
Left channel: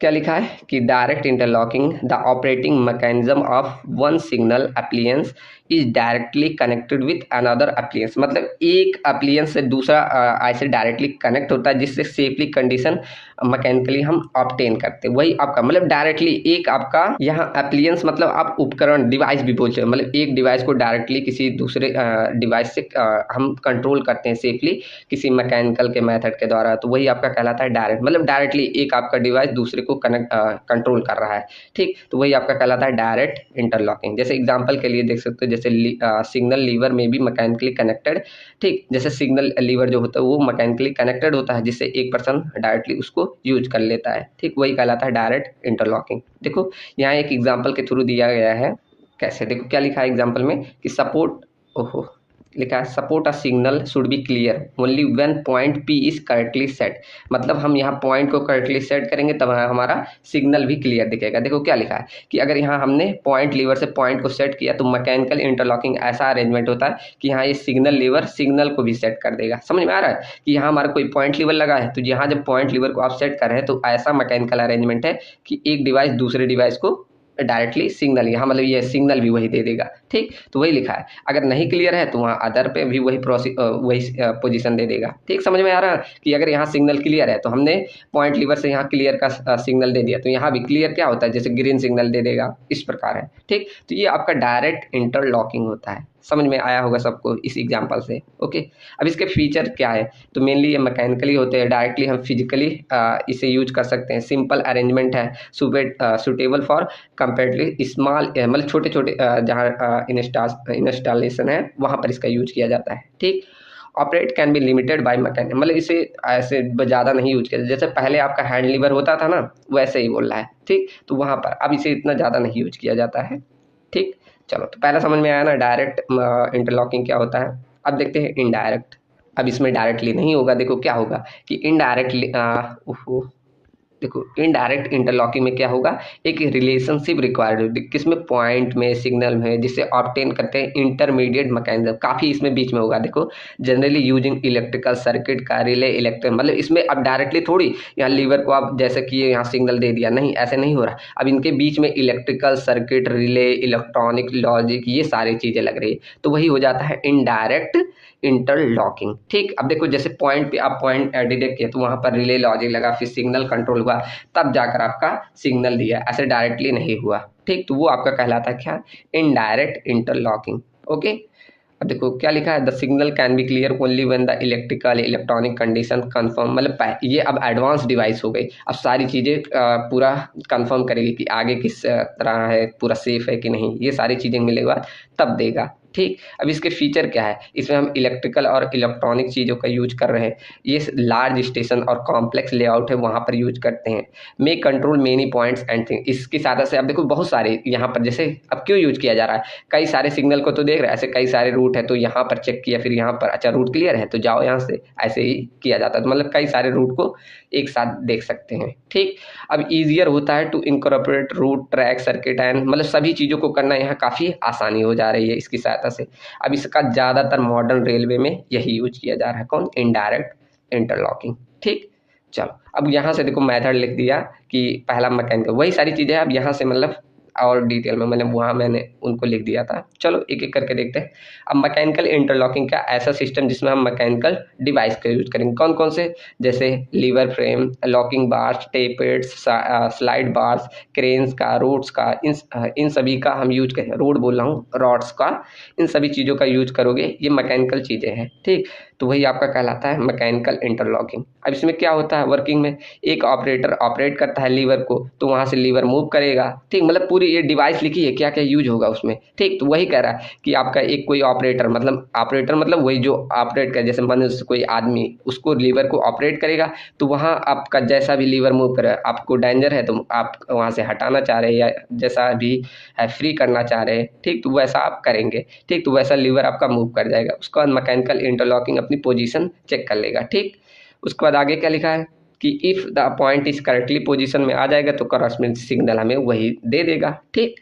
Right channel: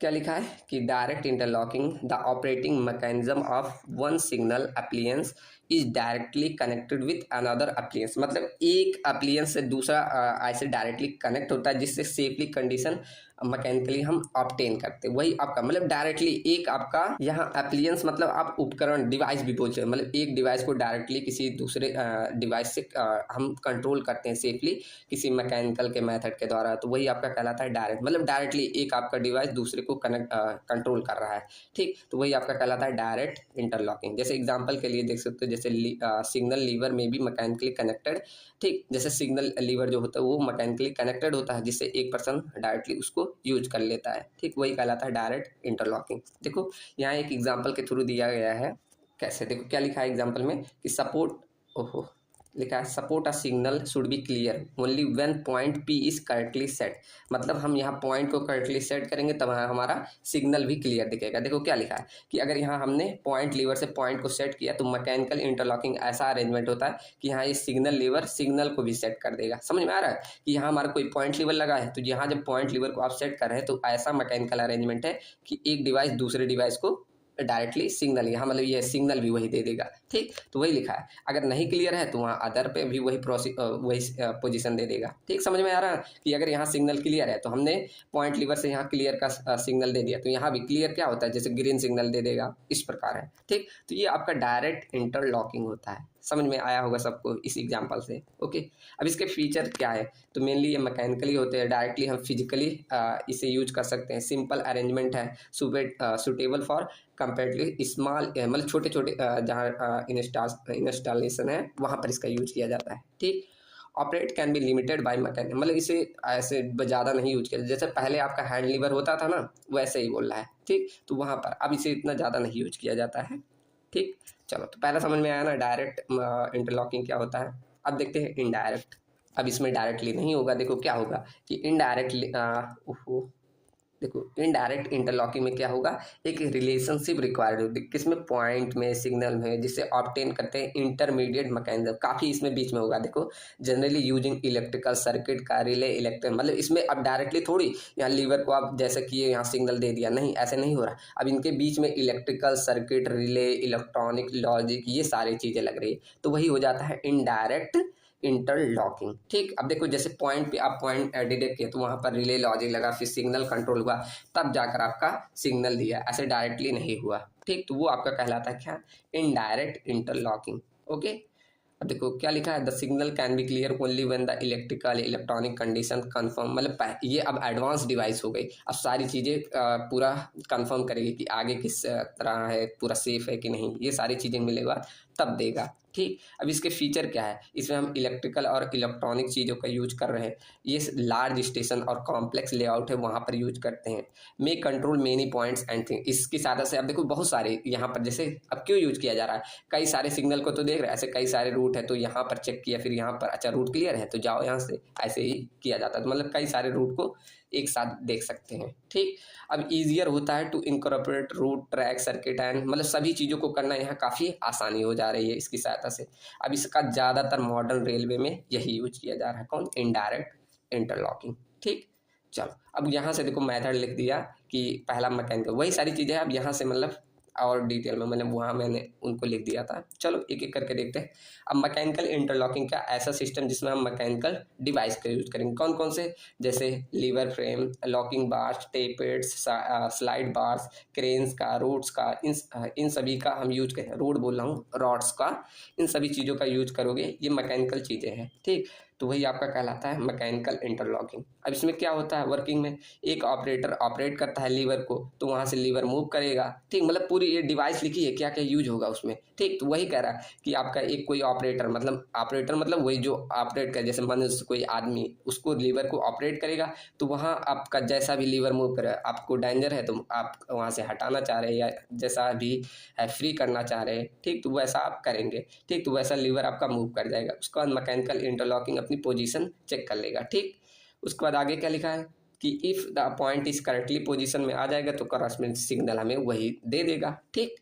क्या लिखा है कि direct interlocking the operating mechanism of one signal appliance is directly connected with another appliance. मतलब एक अप्लियंस से दूसरा ऐसे डायरेक्टली कनेक्ट होता है जिससे सेफली कंडीशन मैकेनिकली हम ऑब्टेन करते हैं। वही आपका मतलब डायरेक्टली एक आपका यहाँ अप्लियंस मतलब आप उपकरण, डिवाइस भी बोलते हैं, मतलब एक डिवाइस को डायरेक्टली किसी दूसरे डिवाइस से हम कंट्रोल करते हैं सेफली किसी मैकेनिकल के मेथड के द्वारा, तो वही आपका कहलाता है डायरेक्ट। मतलब डायरेक्टली एक आपका डिवाइस दूसरे को कंट्रोल कर रहा है। ठीक, तो वही आपका कहलाता है डायरेक्ट इंटरलॉकिंग। जैसे एग्जांपल के लिए देख सकते हो, जैसे सिग्नल लीवर में भी मैकेनिकली कनेक्टेड। ठीक, जैसे सिग्नल लीवर जो होता है वो मैकेनिकली कनेक्टेड होता है जिससे एक पर्सन डायरेक्टली उसको यूज कर लेता है। ठीक, वही कहलाता है डायरेक्ट इंटरलॉकिंग। देखो यहाँ एक एग्जांपल के थ्रू दिया गया है कैसे, देखो क्या लिखा है एग्जांपल में कि सपोर्ट, ओहो लिखा है support a signal should B clear only when point P is correctly set. मतलब हम यहाँ पॉइंट को करेक्टली सेट करेंगे तब हमारा सिग्नल भी क्लियर दिखेगा। देखो क्या लिखा है कि अगर यहाँ हमने पॉइंट लीवर से पॉइंट को सेट किया तो मैकेनिकल इंटरलॉकिंग ऐसा अरेंजमेंट होता है कि यहाँ ये सिग्नल लीवर सिग्नल को भी सेट कर देगा। समझ में आ रहा है कि यहाँ हमारा कोई पॉइंट लीवर लगा है, तो यहाँ जब पॉइंट लीवर को आप सेट कर रहे हैं तो ऐसा मैकेनिकल अरेंजमेंट है कि एक डिवाइस दूसरे डिवाइस को डायरेक्टली सिग्नल, यहाँ मतलब ये सिग्नल भी वही दे देगा। ठीक, तो वही लिखा है। अगर नहीं क्लियर है तो वहाँ अदर पे भी वही पोजीशन दे देगा। ठीक, समझ में आ रहा है कि अगर यहाँ सिग्नल क्लियर है तो हमने पॉइंट लीवर से यहाँ क्लियर का सिग्नल दे दिया, तो यहाँ भी क्लियर क्या होता है, जैसे ग्रीन सिग्नल दे देगा, इस प्रकार है। ठीक, तो ये आपका डायरेक्ट इंटरलॉकिंग होता है। समझ में आया होगा सबको इस एग्जाम्पल से। ओके, अब इसके फीचर क्या है, तो मेनली ये मैकेनिकली होते हैं, डायरेक्टली हम फिजिकली इसे यूज कर सकते हैं। सिंपल अरेंजमेंट है, सुटेबल फॉर कंपेरेटिवली स्मॉल, मतलब छोटे छोटे जहाँ इंस्टॉलेशन है वहाँ पर इसका यूज किया जाता है। ठीक, operate can be limited by mechanic, मतलब इसे ऐसे ज़्यादा नहीं यूज किया, जैसे पहले आपका हैंड लीवर होता था ना वैसे ही बोल रहा है। ठीक, तो वहाँ पर अब इसे इतना ज़्यादा नहीं यूज किया जाता है। ठीक, चलो तो पहला समझ में आया ना डायरेक्ट इंटरलॉकिंग क्या होता है। अब देखते हैं इनडायरेक्ट। अब इसमें डायरेक्टली नहीं होगा, देखो क्या होगा कि इनडायरेक्टली देखो इनडायरेक्ट इंटरलॉकिंग में क्या होगा, एक रिलेशनशिप रिक्वायर्ड होगी किसमें, पॉइंट में, सिग्नल में, जिससे ऑब्टेन करते हैं इंटरमीडिएट मैकेनिज्म, काफ़ी इसमें बीच में होगा। देखो जनरली यूजिंग इलेक्ट्रिकल सर्किट का रिले इलेक्ट्रिक, मतलब इसमें अब डायरेक्टली थोड़ी यहाँ लीवर को आप जैसे किए यहाँ सिग्नल दे दिया, नहीं ऐसे नहीं हो रहा। अब इनके बीच में electrical circuit, relay, electronic logic, ये सारी चीज़ें लग रही है, तो वही हो जाता है इनडायरेक्ट इंटरलॉकिंग। ठीक, अब देखो जैसे पॉइंट पे आप पॉइंट डिटेक्ट किया तो वहाँ पर रिले लॉजिक लगा, फिर सिग्नल कंट्रोल हुआ, तब जाकर आपका सिग्नल दिया, ऐसे डायरेक्टली नहीं हुआ। ठीक, तो वो आपका कहलाता है क्या, इनडायरेक्ट इंटरलॉकिंग। ओके, अब देखो क्या लिखा है, the signal can be clear only when the electrical electronic condition confirm, मतलब ये अब एडवांस डिवाइस हो गई, अब सारी चीज़ें पूरा कंफर्म करेगी कि आगे किस तरह है, पूरा सेफ है कि नहीं, ये सारी चीज़ें मिलेगा तब देगा। ठीक, अब इसके फीचर क्या है, इसमें हम इलेक्ट्रिकल और इलेक्ट्रॉनिक चीज़ों का यूज कर रहे हैं, ये लार्ज स्टेशन और कॉम्प्लेक्स लेआउट है वहाँ पर यूज करते हैं। May control many points and thing, इसकी सहायता से अब देखो बहुत सारे यहाँ पर, जैसे अब क्यों यूज किया जा रहा है, कई सारे सिग्नल को तो देख रहे हैं, ऐसे कई सारे रूट है तो यहाँ पर चेक किया, फिर यहाँ पर अच्छा रूट क्लियर है तो जाओ यहाँ से, ऐसे ही किया जाता है। तो मतलब कई सारे रूट को एक साथ देख सकते हैं। ठीक, अब ईजियर होता है to incorporate route, track, circuit and, मतलब सभी चीज़ों को करना यहाँ काफ़ी आसानी हो जा रही है इसकी सहायता से। अब इसका ज़्यादातर मॉडर्न रेलवे में यही यूज किया जा रहा है, कौन, इनडायरेक्ट इंटरलॉकिंग। ठीक, चलो अब यहाँ से देखो मेथड लिख दिया कि पहला मैकेनिकल, वही सारी चीज़ें अब यहाँ से मतलब और डिटेल में मैंने उनको लिख दिया था। चलो एक एक करके देखते हैं। अब मैकेनिकल इंटरलॉकिंग का ऐसा सिस्टम जिसमें हम मैकेनिकल डिवाइस का यूज करेंगे। कौन कौन से? जैसे lever frame, locking bars, tappets, slide bars, cranes का, रोड्स का, इन सभी का हम यूज करें। रोड बोल रहा हूँ, रॉड्स का, इन सभी चीज़ों का यूज करोगे, ये मैकेनिकल चीज़ें हैं, ठीक। तो वही आपका कहलाता है मैकेनिकल इंटरलॉकिंग। अब इसमें क्या होता है वर्किंग में, एक ऑपरेटर ऑपरेट करता है लीवर को, तो वहाँ से लीवर मूव करेगा, ठीक। मतलब पूरी ये डिवाइस लिखी है क्या क्या यूज होगा उसमें, ठीक। तो वही कह रहा है कि आपका एक कोई ऑपरेटर मतलब वही जो ऑपरेट कर, जैसे मनुष्य कोई आदमी उसको लीवर को ऑपरेट करेगा, तो वहाँ आपका जैसा भी लीवर मूव करे, आपको डेंजर है तो आप वहाँ से हटाना चाह रहे हैं या जैसा भी है फ्री करना चाह रहे हैं, ठीक। तो वैसा आप करेंगे, ठीक। तो वैसा लीवर आपका मूव कर जाएगा। उसके बाद मैकेनिकल इंटरलॉकिंग अपनी पोजीशन चेक कर लेगा, ठीक। उसके बाद आगे क्या लिखा है कि if the point is correctly position में आ जाएगा तो करस्पॉन्डिंग सिग्नल हमें वही दे देगा, ठीक।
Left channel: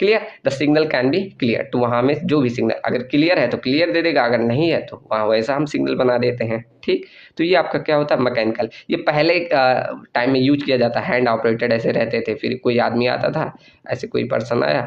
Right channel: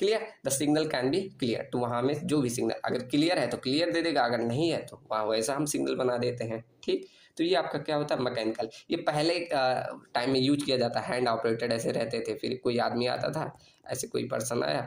Clear, the signal can be clear. तो वहाँ में जो भी सिग्नल अगर क्लियर है तो क्लियर दे देगा, अगर नहीं है तो वहाँ वैसा हम सिग्नल बना देते हैं, ठीक। तो ये आपका क्या होता है मैकेनिकल। ये पहले टाइम में यूज किया जाता है, हैंड ऑपरेटेड ऐसे रहते थे। फिर कोई आदमी आता था, ऐसे कोई पर्सन आया,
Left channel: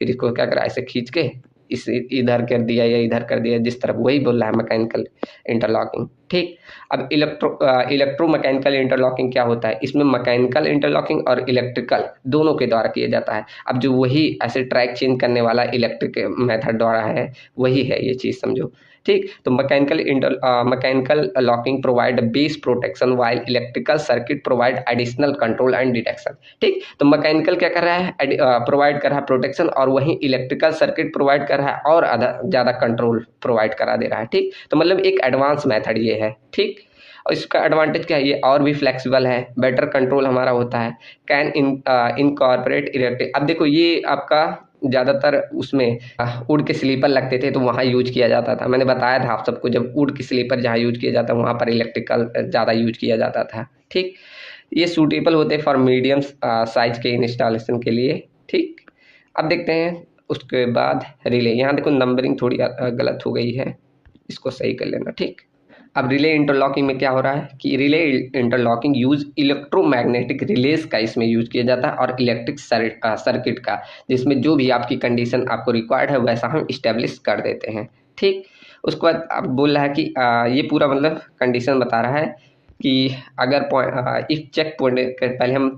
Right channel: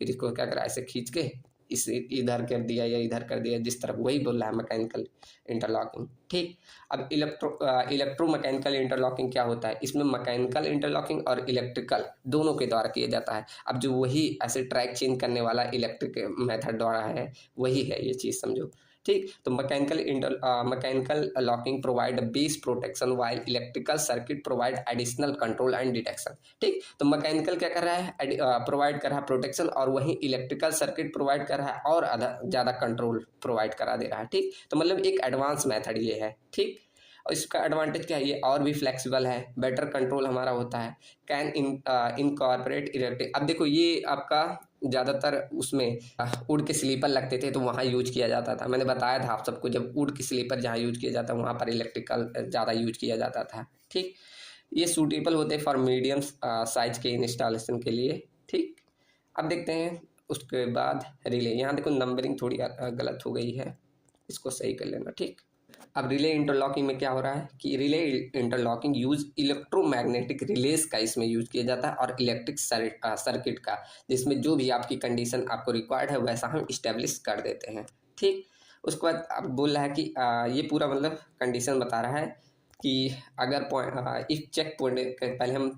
फिर इसको क्या करा, ऐसे खींच के इस इधर कर दिया या इधर कर दिया, जिस तरफ वही बोल रहा है मैकेनिकल इंटरलॉकिंग, ठीक। अब इलेक्ट्रोमैकेनिकल इंटरलॉकिंग क्या होता है? इसमें मैकेनिकल इंटरलॉकिंग और इलेक्ट्रिकल दोनों के द्वारा किया जाता है। अब जो वही ऐसे ट्रैक चेंज करने वाला इलेक्ट्रिक मेथड द्वारा है, वही है ये चीज़, समझो, ठीक। तो mechanical locking provide base protection while electrical circuit provide additional control and detection, ठीक। तो मैकेनिकल क्या कर रहा है, प्रोवाइड कर रहा है प्रोटेक्शन, और वहीं इलेक्ट्रिकल सर्किट प्रोवाइड कर रहा है और ज़्यादा कंट्रोल प्रोवाइड करा दे रहा है, ठीक। तो मतलब एक एडवांस मेथड ये है, ठीक। और इसका एडवांटेज क्या है, ये और भी फ्लेक्सिबल है, बेटर कंट्रोल हमारा होता है, कैन इनकॉर्पोरेट इलेक्ट्रिक। अब देखो ये आपका ज़्यादातर उसमें वुड के स्लीपर लगते थे तो वहाँ यूज किया जाता था। मैंने बताया था आप सबको, जब वुड के स्लीपर जहाँ यूज किया जाता है वहाँ पर इलेक्ट्रिकल ज़्यादा यूज किया जाता था, ठीक। ये सूटेबल होते फॉर मीडियम साइज के इंस्टॉलेशन के लिए, ठीक। अब देखते हैं उसके बाद रिले। यहाँ देखो नंबरिंग थोड़ी गलत हो गई है, इसको सही कर लेना, ठीक। अब रिले इंटरलॉकिंग में क्या हो रहा है कि relay interlocking use electromagnetic release का इसमें यूज किया जाता है और इलेक्ट्रिक सर्किट का, जिसमें जो भी आपकी कंडीशन आपको रिक्वायर्ड है वैसा हम इस्टेब्लिश कर देते हैं, ठीक। उसके बाद आप बोल रहा है कि ये पूरा मतलब कंडीशन बता रहा है कि अगर इफ चेक पॉइंट पहले हम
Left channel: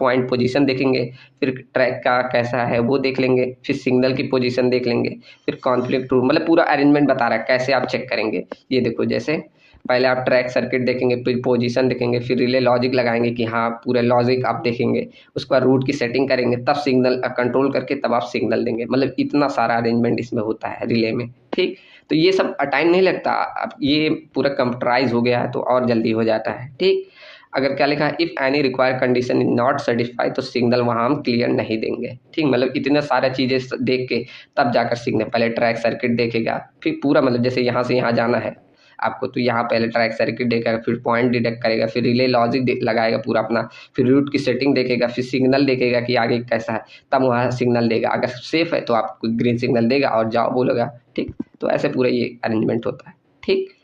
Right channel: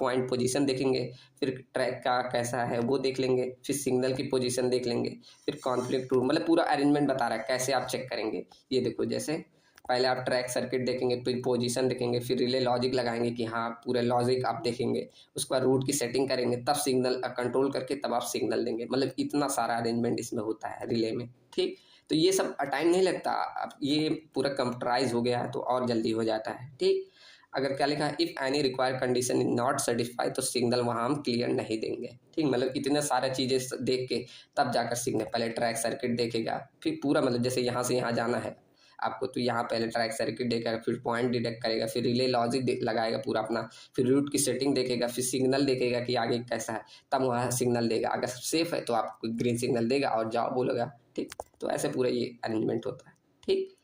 पॉइंट पोजीशन देखेंगे, फिर ट्रैक का कैसा है वो देख लेंगे, फिर सिग्नल की पोजीशन देख लेंगे, फिर कॉन्फ्लिक्ट रूल, मतलब पूरा अरेंजमेंट बता रहा है कैसे आप चेक करेंगे। ये देखो, जैसे पहले आप ट्रैक सर्किट देखेंगे, फिर पोजीशन देखेंगे, फिर रिले लॉजिक लगाएंगे कि हाँ पूरे लॉजिक आप देखेंगे, उसके बाद रूट की सेटिंग करेंगे, तब सिग्नल कंट्रोल करके तब आप सिग्नल देंगे। मतलब इतना सारा अरेंजमेंट इसमें होता है रिले में, ठीक। तो ये सब टाइम नहीं लगता, अब ये पूरा कंप्यूटराइज हो गया है तो और जल्दी हो जाता है, ठीक। अगर क्या लिखा है, if any required condition is not satisfy, तो सिग्नल वहाँ हम क्लियर नहीं देंगे, ठीक। मतलब इतने सारे चीज़ें देख के तब जाकर सिग्नल, पहले ट्रैक सर्किट देखेगा, फिर पूरा मतलब जैसे यहाँ से यहाँ जाना है आपको, तो यहाँ पहले ट्रैक सर्किट देखेगा, फिर पॉइंट डिटेक्ट करेगा, फिर रिले लॉजिक लगाएगा पूरा अपना, फिर रूट की सेटिंग देखेगा, फिर सिग्नल देखेगा कि आगे कैसा है, तब वहाँ सिग्नल देगा। अगर सेफ है तो आपको ग्रीन सिग्नल देगा और जाओ बोलेगा, ठीक। तो ऐसे पूरा ये अरेंजमेंट होता है, ठीक।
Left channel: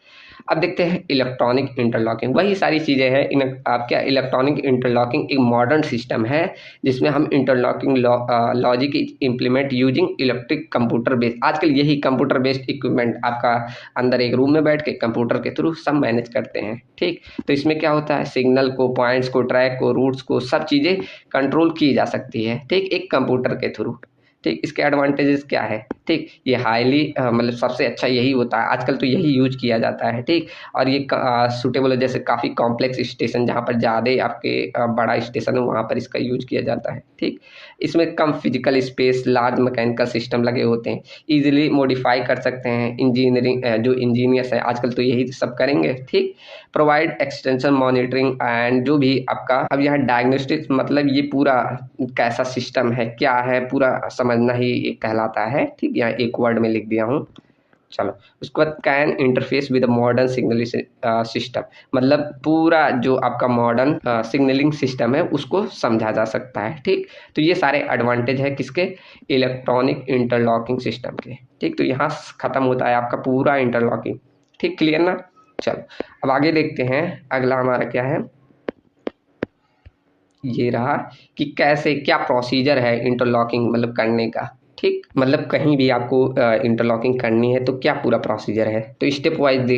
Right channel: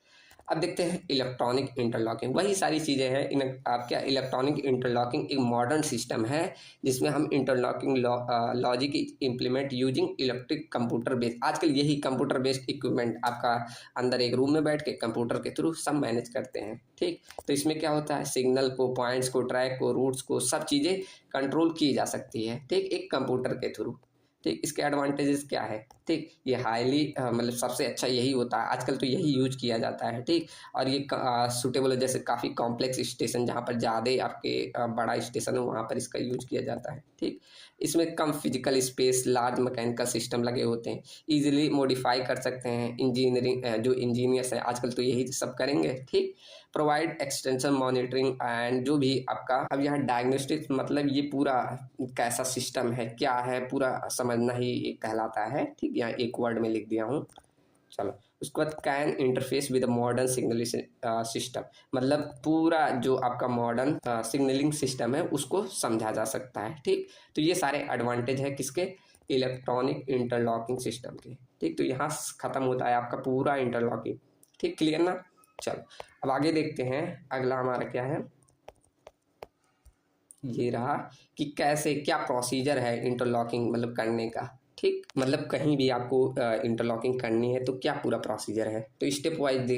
अब देखते हैं इलेक्ट्रॉनिक इंटरलॉकिंग, वही सारी चीज़ें हैं। इन आप क्या, इलेक्ट्रॉनिक इंटरलॉकिंग एक मॉडर्न सिस्टम है जिसमें हम interlocking logic implement using electric computer based. आजकल यही कंप्यूटर बेस्ड इक्विपमेंट आपका अंदर एक रूम में बैठ के कंप्यूटर के थ्रू सब मैनेज करते हैं, ठीक। तो इसमें क्या होता है, सिग्नल को, पॉइंट्स को, ट्रैक को, रूट्स को, सब चीज़ें कंट्रोल की जा सकती है, ठीक, एक कंप्यूटर के थ्रू, ठीक। इसके एडवांटेजेस क्या है, ठीक। ये हाईली मतलब सबसे अच्छा यही होता है, आजकल तो यही यूज किया जाता है, ठीक। और ये सूटेबल है, जैसे काफ़ी कॉम्प्लेक्स स्टेशन जहाँ पर ज़्यादा आपके बड़ा स्टेशन है वहाँ पर इसका यूज किया जाता है, ठीक। इसमें कम physical space, large mechanical system लगे होते हैं, ईजिली मॉडिफाई कर सकते हैं। इंजीनियरिंग जो इंजीनियर्स हैं आजकल तो यही सब करेंगे, ठीक। प्रोवाइड एक्सटेंशन मॉनिटरिंग एंड जो भी आपका, अब यहाँ डायग्नोस्टिक्स मतलब ये पूरा कैसा सिस्टम है, क्या है, पूरा समझना ही ये कहलाता है, ठीक। यहाँ एक वर्ड में लिख दिया हूँ, चलो। उसके बाद can interface with modern signalling system, मतलब पूरा जो आपका मॉडर्न सिग्नलिंग सिस्टम है उसको समझा जा सकता है, ठीक। तो ये सारे एडवांटेज है किसके, इलेक्ट्रॉनिक इंटरलॉकिंग सिस्टम के, ठीक। तो यहाँ ख़त्म होता है आपका पूरा इंटरलॉकिंग, ठीक, क्लियर ना। चलो अब आगे देखते हैं, अगला हमारा क्या है, ये रहा कि कैसे क्या प्रोसीजर है इंटरलॉकिंग मतलब करने का। ठीक, मतलब कहीं भी आपको इंटरलॉकिंग करनी है तो क्या पूरा प्रोसीजर है। तो स्टेप वाइज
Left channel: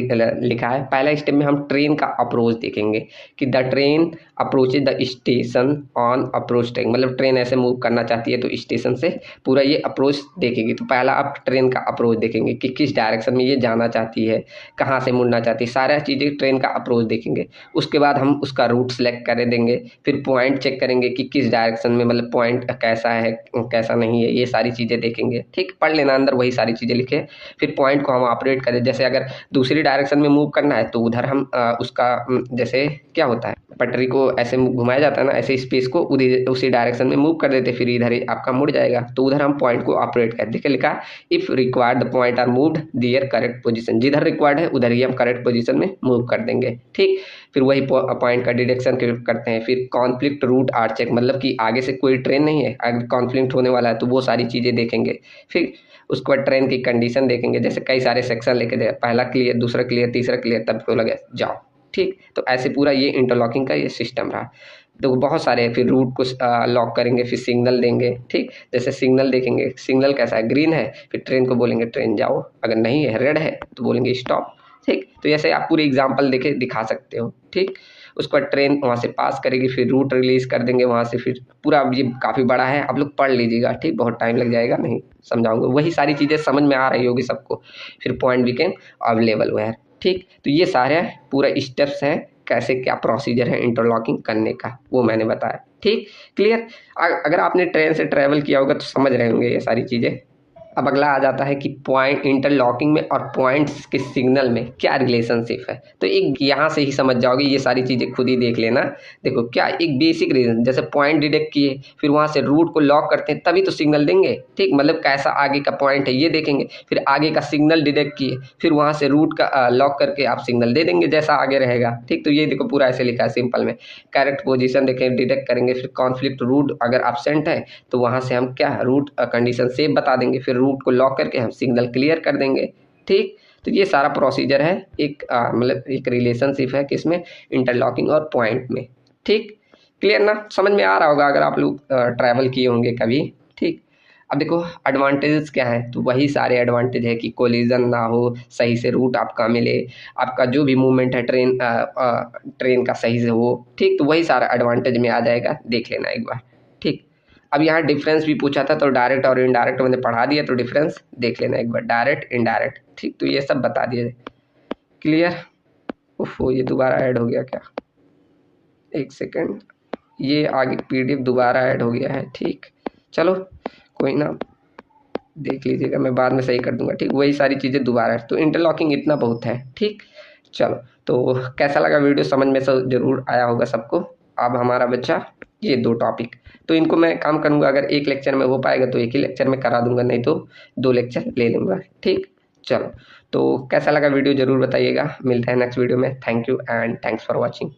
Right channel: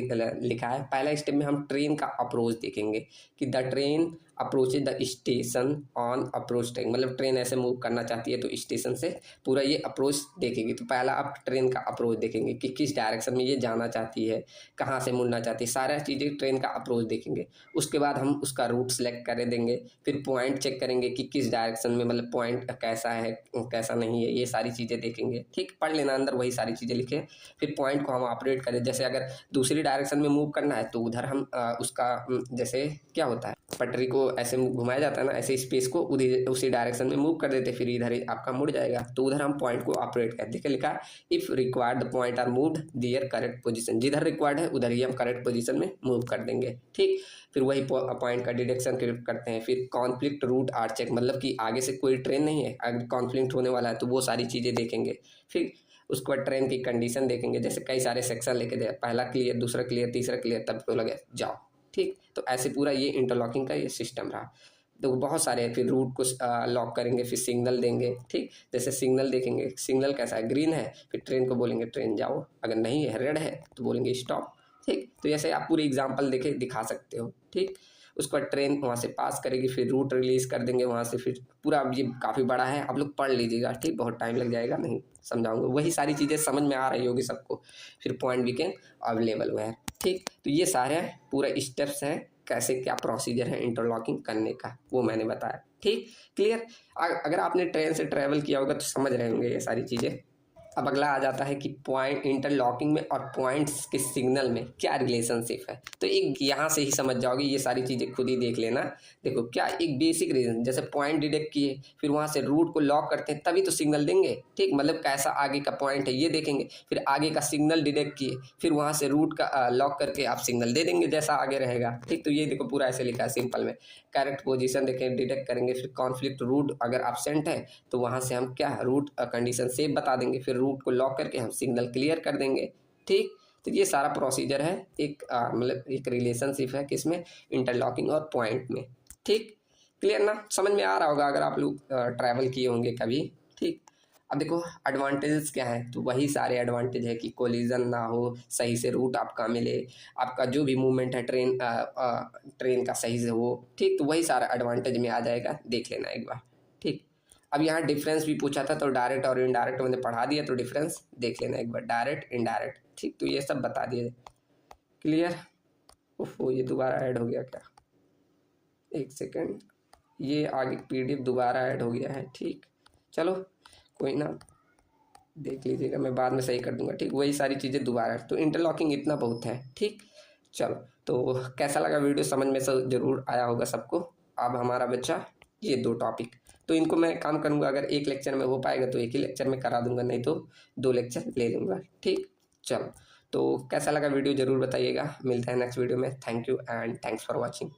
लिखा है। पहला स्टेप में हम ट्रेन का अप्रोच देखेंगे कि the train approaches the station on approach track, मतलब ट्रेन ऐसे मूव करना चाहती है तो स्टेशन से पूरा ये अप्रोच देखेगी। तो पहला आप ट्रेन का अप्रोच देखेंगे कि किस डायरेक्शन में ये जाना चाहती है, कहाँ से मुड़ना चाहती है, सारा चीज़ें ट्रेन का अप्रोच देखेंगे। उसके बाद हम उसका रूट सेलेक्ट कर देंगे, फिर पॉइंट चेक करेंगे कि किस डायरेक्शन में, मतलब पॉइंट कैसा है कैसा नहीं है, ये सारी चीज़ें देखेंगे। ठीक, पढ़ लेना अंदर वही सारी चीज़ें लिखे। फिर पॉइंट को हम ऑपरेट करें, जैसे अगर दूसरी डायरेक्शन में मूव करना है तो उधर हम उसका जैसे क्या होता है पटरी को ऐसे घुमाया जाता है ना, ऐसे स्पेस को उधर उसी डायरेक्शन में मूव कर देते, फिर इधर ही आपका मुड़ जाएगा। तो उधर हम पॉइंट को ऑपरेट कर देखिए लिखा if required the point are moved their correct position, जिधर रिक्वायर्ड है उधर ही हम करेक्ट पोजीशन में मूव कर देंगे। ठीक, फिर वही पॉइंट का डिडक्शन करते हैं। फिर कॉन्फ्लिक्ट रूट आर चेक, मतलब कि आगे से कोई ट्रेन नहीं है, अगर कॉन्फ्लिक्ट होने वाला है तो वो सारी चीज़ें देखेंगे। फिर उसके बाद ट्रेन की कंडीशन देखेंगे, जैसे कई सारे सेक्शन लेके दे, पहला क्लियर, दूसरा क्लियर, तीसरा क्लियर, तब तो लगे जाओ। ठीक, तो ऐसे पूरा ये इंटरलॉकिंग का ये सिस्टम रहा। तो बहुत सारे हैं। फिर रूट को लॉक करेंगे, फिर सिग्नल देंगे। ठीक, जैसे सिग्नल देखेंगे, सिग्नल कैसा है, ग्रीन है, फिर ट्रेन को बोलेंगे ट्रेन जाओ, अगर नहीं है रेड है तो बोलेंगे स्टॉप। ठीक, तो जैसे आप पूरे एग्जाम्पल देखे दिखा सकते हो। ठीक, उसके बाद ट्रेन वहाँ से पास करेगी, फिर रूट रिलीज़ कर देंगे वहाँ से। फिर पूरा ये काफ़ी बड़ा है, आप लोग पढ़ लीजिएगा। ठीक, बहुत टाइम लग जाएगा, नहीं समझाऊंगा, वही सारी चीज़ें समझ में आ रही होगी सबको। फिर पॉइंट बिकेम अवेलेबल वेयर। ठीक, तो ये सारे पूरा स्टेप्स हैं कैसे क्या प्रोसीजर है इंटरलॉकिंग करने का, वो मैंने बताया। ठीक, क्लियर। अगर आपने ट्रेन से ट्रैवल किया होगा तो समझ रहे होंगे ये सारी चीज़ें। अब अगला आ जाता है कि पॉइंट इंटरलॉकिंग में और पॉइंट्स के सिग्नल में क्या रिलेशनशिप है। तो एक यहाँ से ही समझ जाओगे, ये सारी चीज़ें खुद ही देख लेना। देखो क्या एक बेसिक रीजन, जैसे पॉइंट डिटेक्ट किए, फिर वहाँ से रूट को लॉक करते हैं तभी तो सिग्नल देंगे। ठीक, मतलब कैसा आगे का पॉइंट है ये देखेंगे, फिर आगे का सिग्नल डिटेक्ट किए, फिर वहाँ से रूट का लॉक करके आप सिग्नल दे देंगे जैसा आगे रहेगा। ठीक, तो ये देखो पूरा ऐसे लिखा है सिंपल में। करेक्ट पोजीशन देखें, डिटेक्ट करेंगे, फिर कॉन्फ्लिक्ट रूट अगर एब्सेंट है तो वहाँ से हम क्या रूट कंडीशन सेफ बता देंगे, फिर रूट को लॉक करके हम सिग्नल क्लियर कर देंगे। ठीक, तो ये सारा प्रोसीजर है, एक मतलब एक रिलेशनशिप है किसमें, इंटरलॉकिंग और पॉइंट में। ठीक, क्लियर ना, समझ में आ रहा होगा अगर आप लोग ट्रैवल किए होंगे कभी। ठीक, अब देखो एडवांटेजेस क्या है, तो वही सारे एडवांटेज है कि कोलिजन ना हो, सही से रूट आपका मिले, आपका जो भी मूवमेंट है ट्रेन का सही से हो। ठीक, तो वही सारा एडवांटेज में आ जाएगा, देख लेना एक बार। ठीक, अब यहाँ डिफरेंस भी पूछा था तो डायरेक्ट और इनडायरेक्ट मैंने पढ़ा दिया, तो डिफरेंस देख लेना एक बार, डायरेक्ट इनडायरेक्ट। ठीक, तो ये सब बता दिए। क्लियर। ओहो, ये दोबारा ऐड हो गया क्या, एक सेकेंड, ये आगे पीडीएफ दोबारा ऐड हो गया है। ठीक, चलो कोई ना, देख लीजिएगा, मैं बाद में सही कर दूंगा। ठीक, वही सारी चीज़ें दोबारा, तो इंटरलॉकिंग इतना बहुत है। ठीक, चलो, तो कैसा लगा वीडियो, समझ में सब जरूर आया होगा सबको। अब हमारा बच्चा ये 2 टॉपिक, तो इनको मैं काम करूँगा, अगर एक लेक्चर में हो पाएगा तो एक ही लेक्चर में करा दूंगा, नहीं तो 2 लेक्चर ले लूँगा। ठीक, चलो, तो कैसा लगा वीडियो ज़रूर बताइएगा। मिलते हैं नेक्स्ट वीडियो में। Thank you and thanks for watching.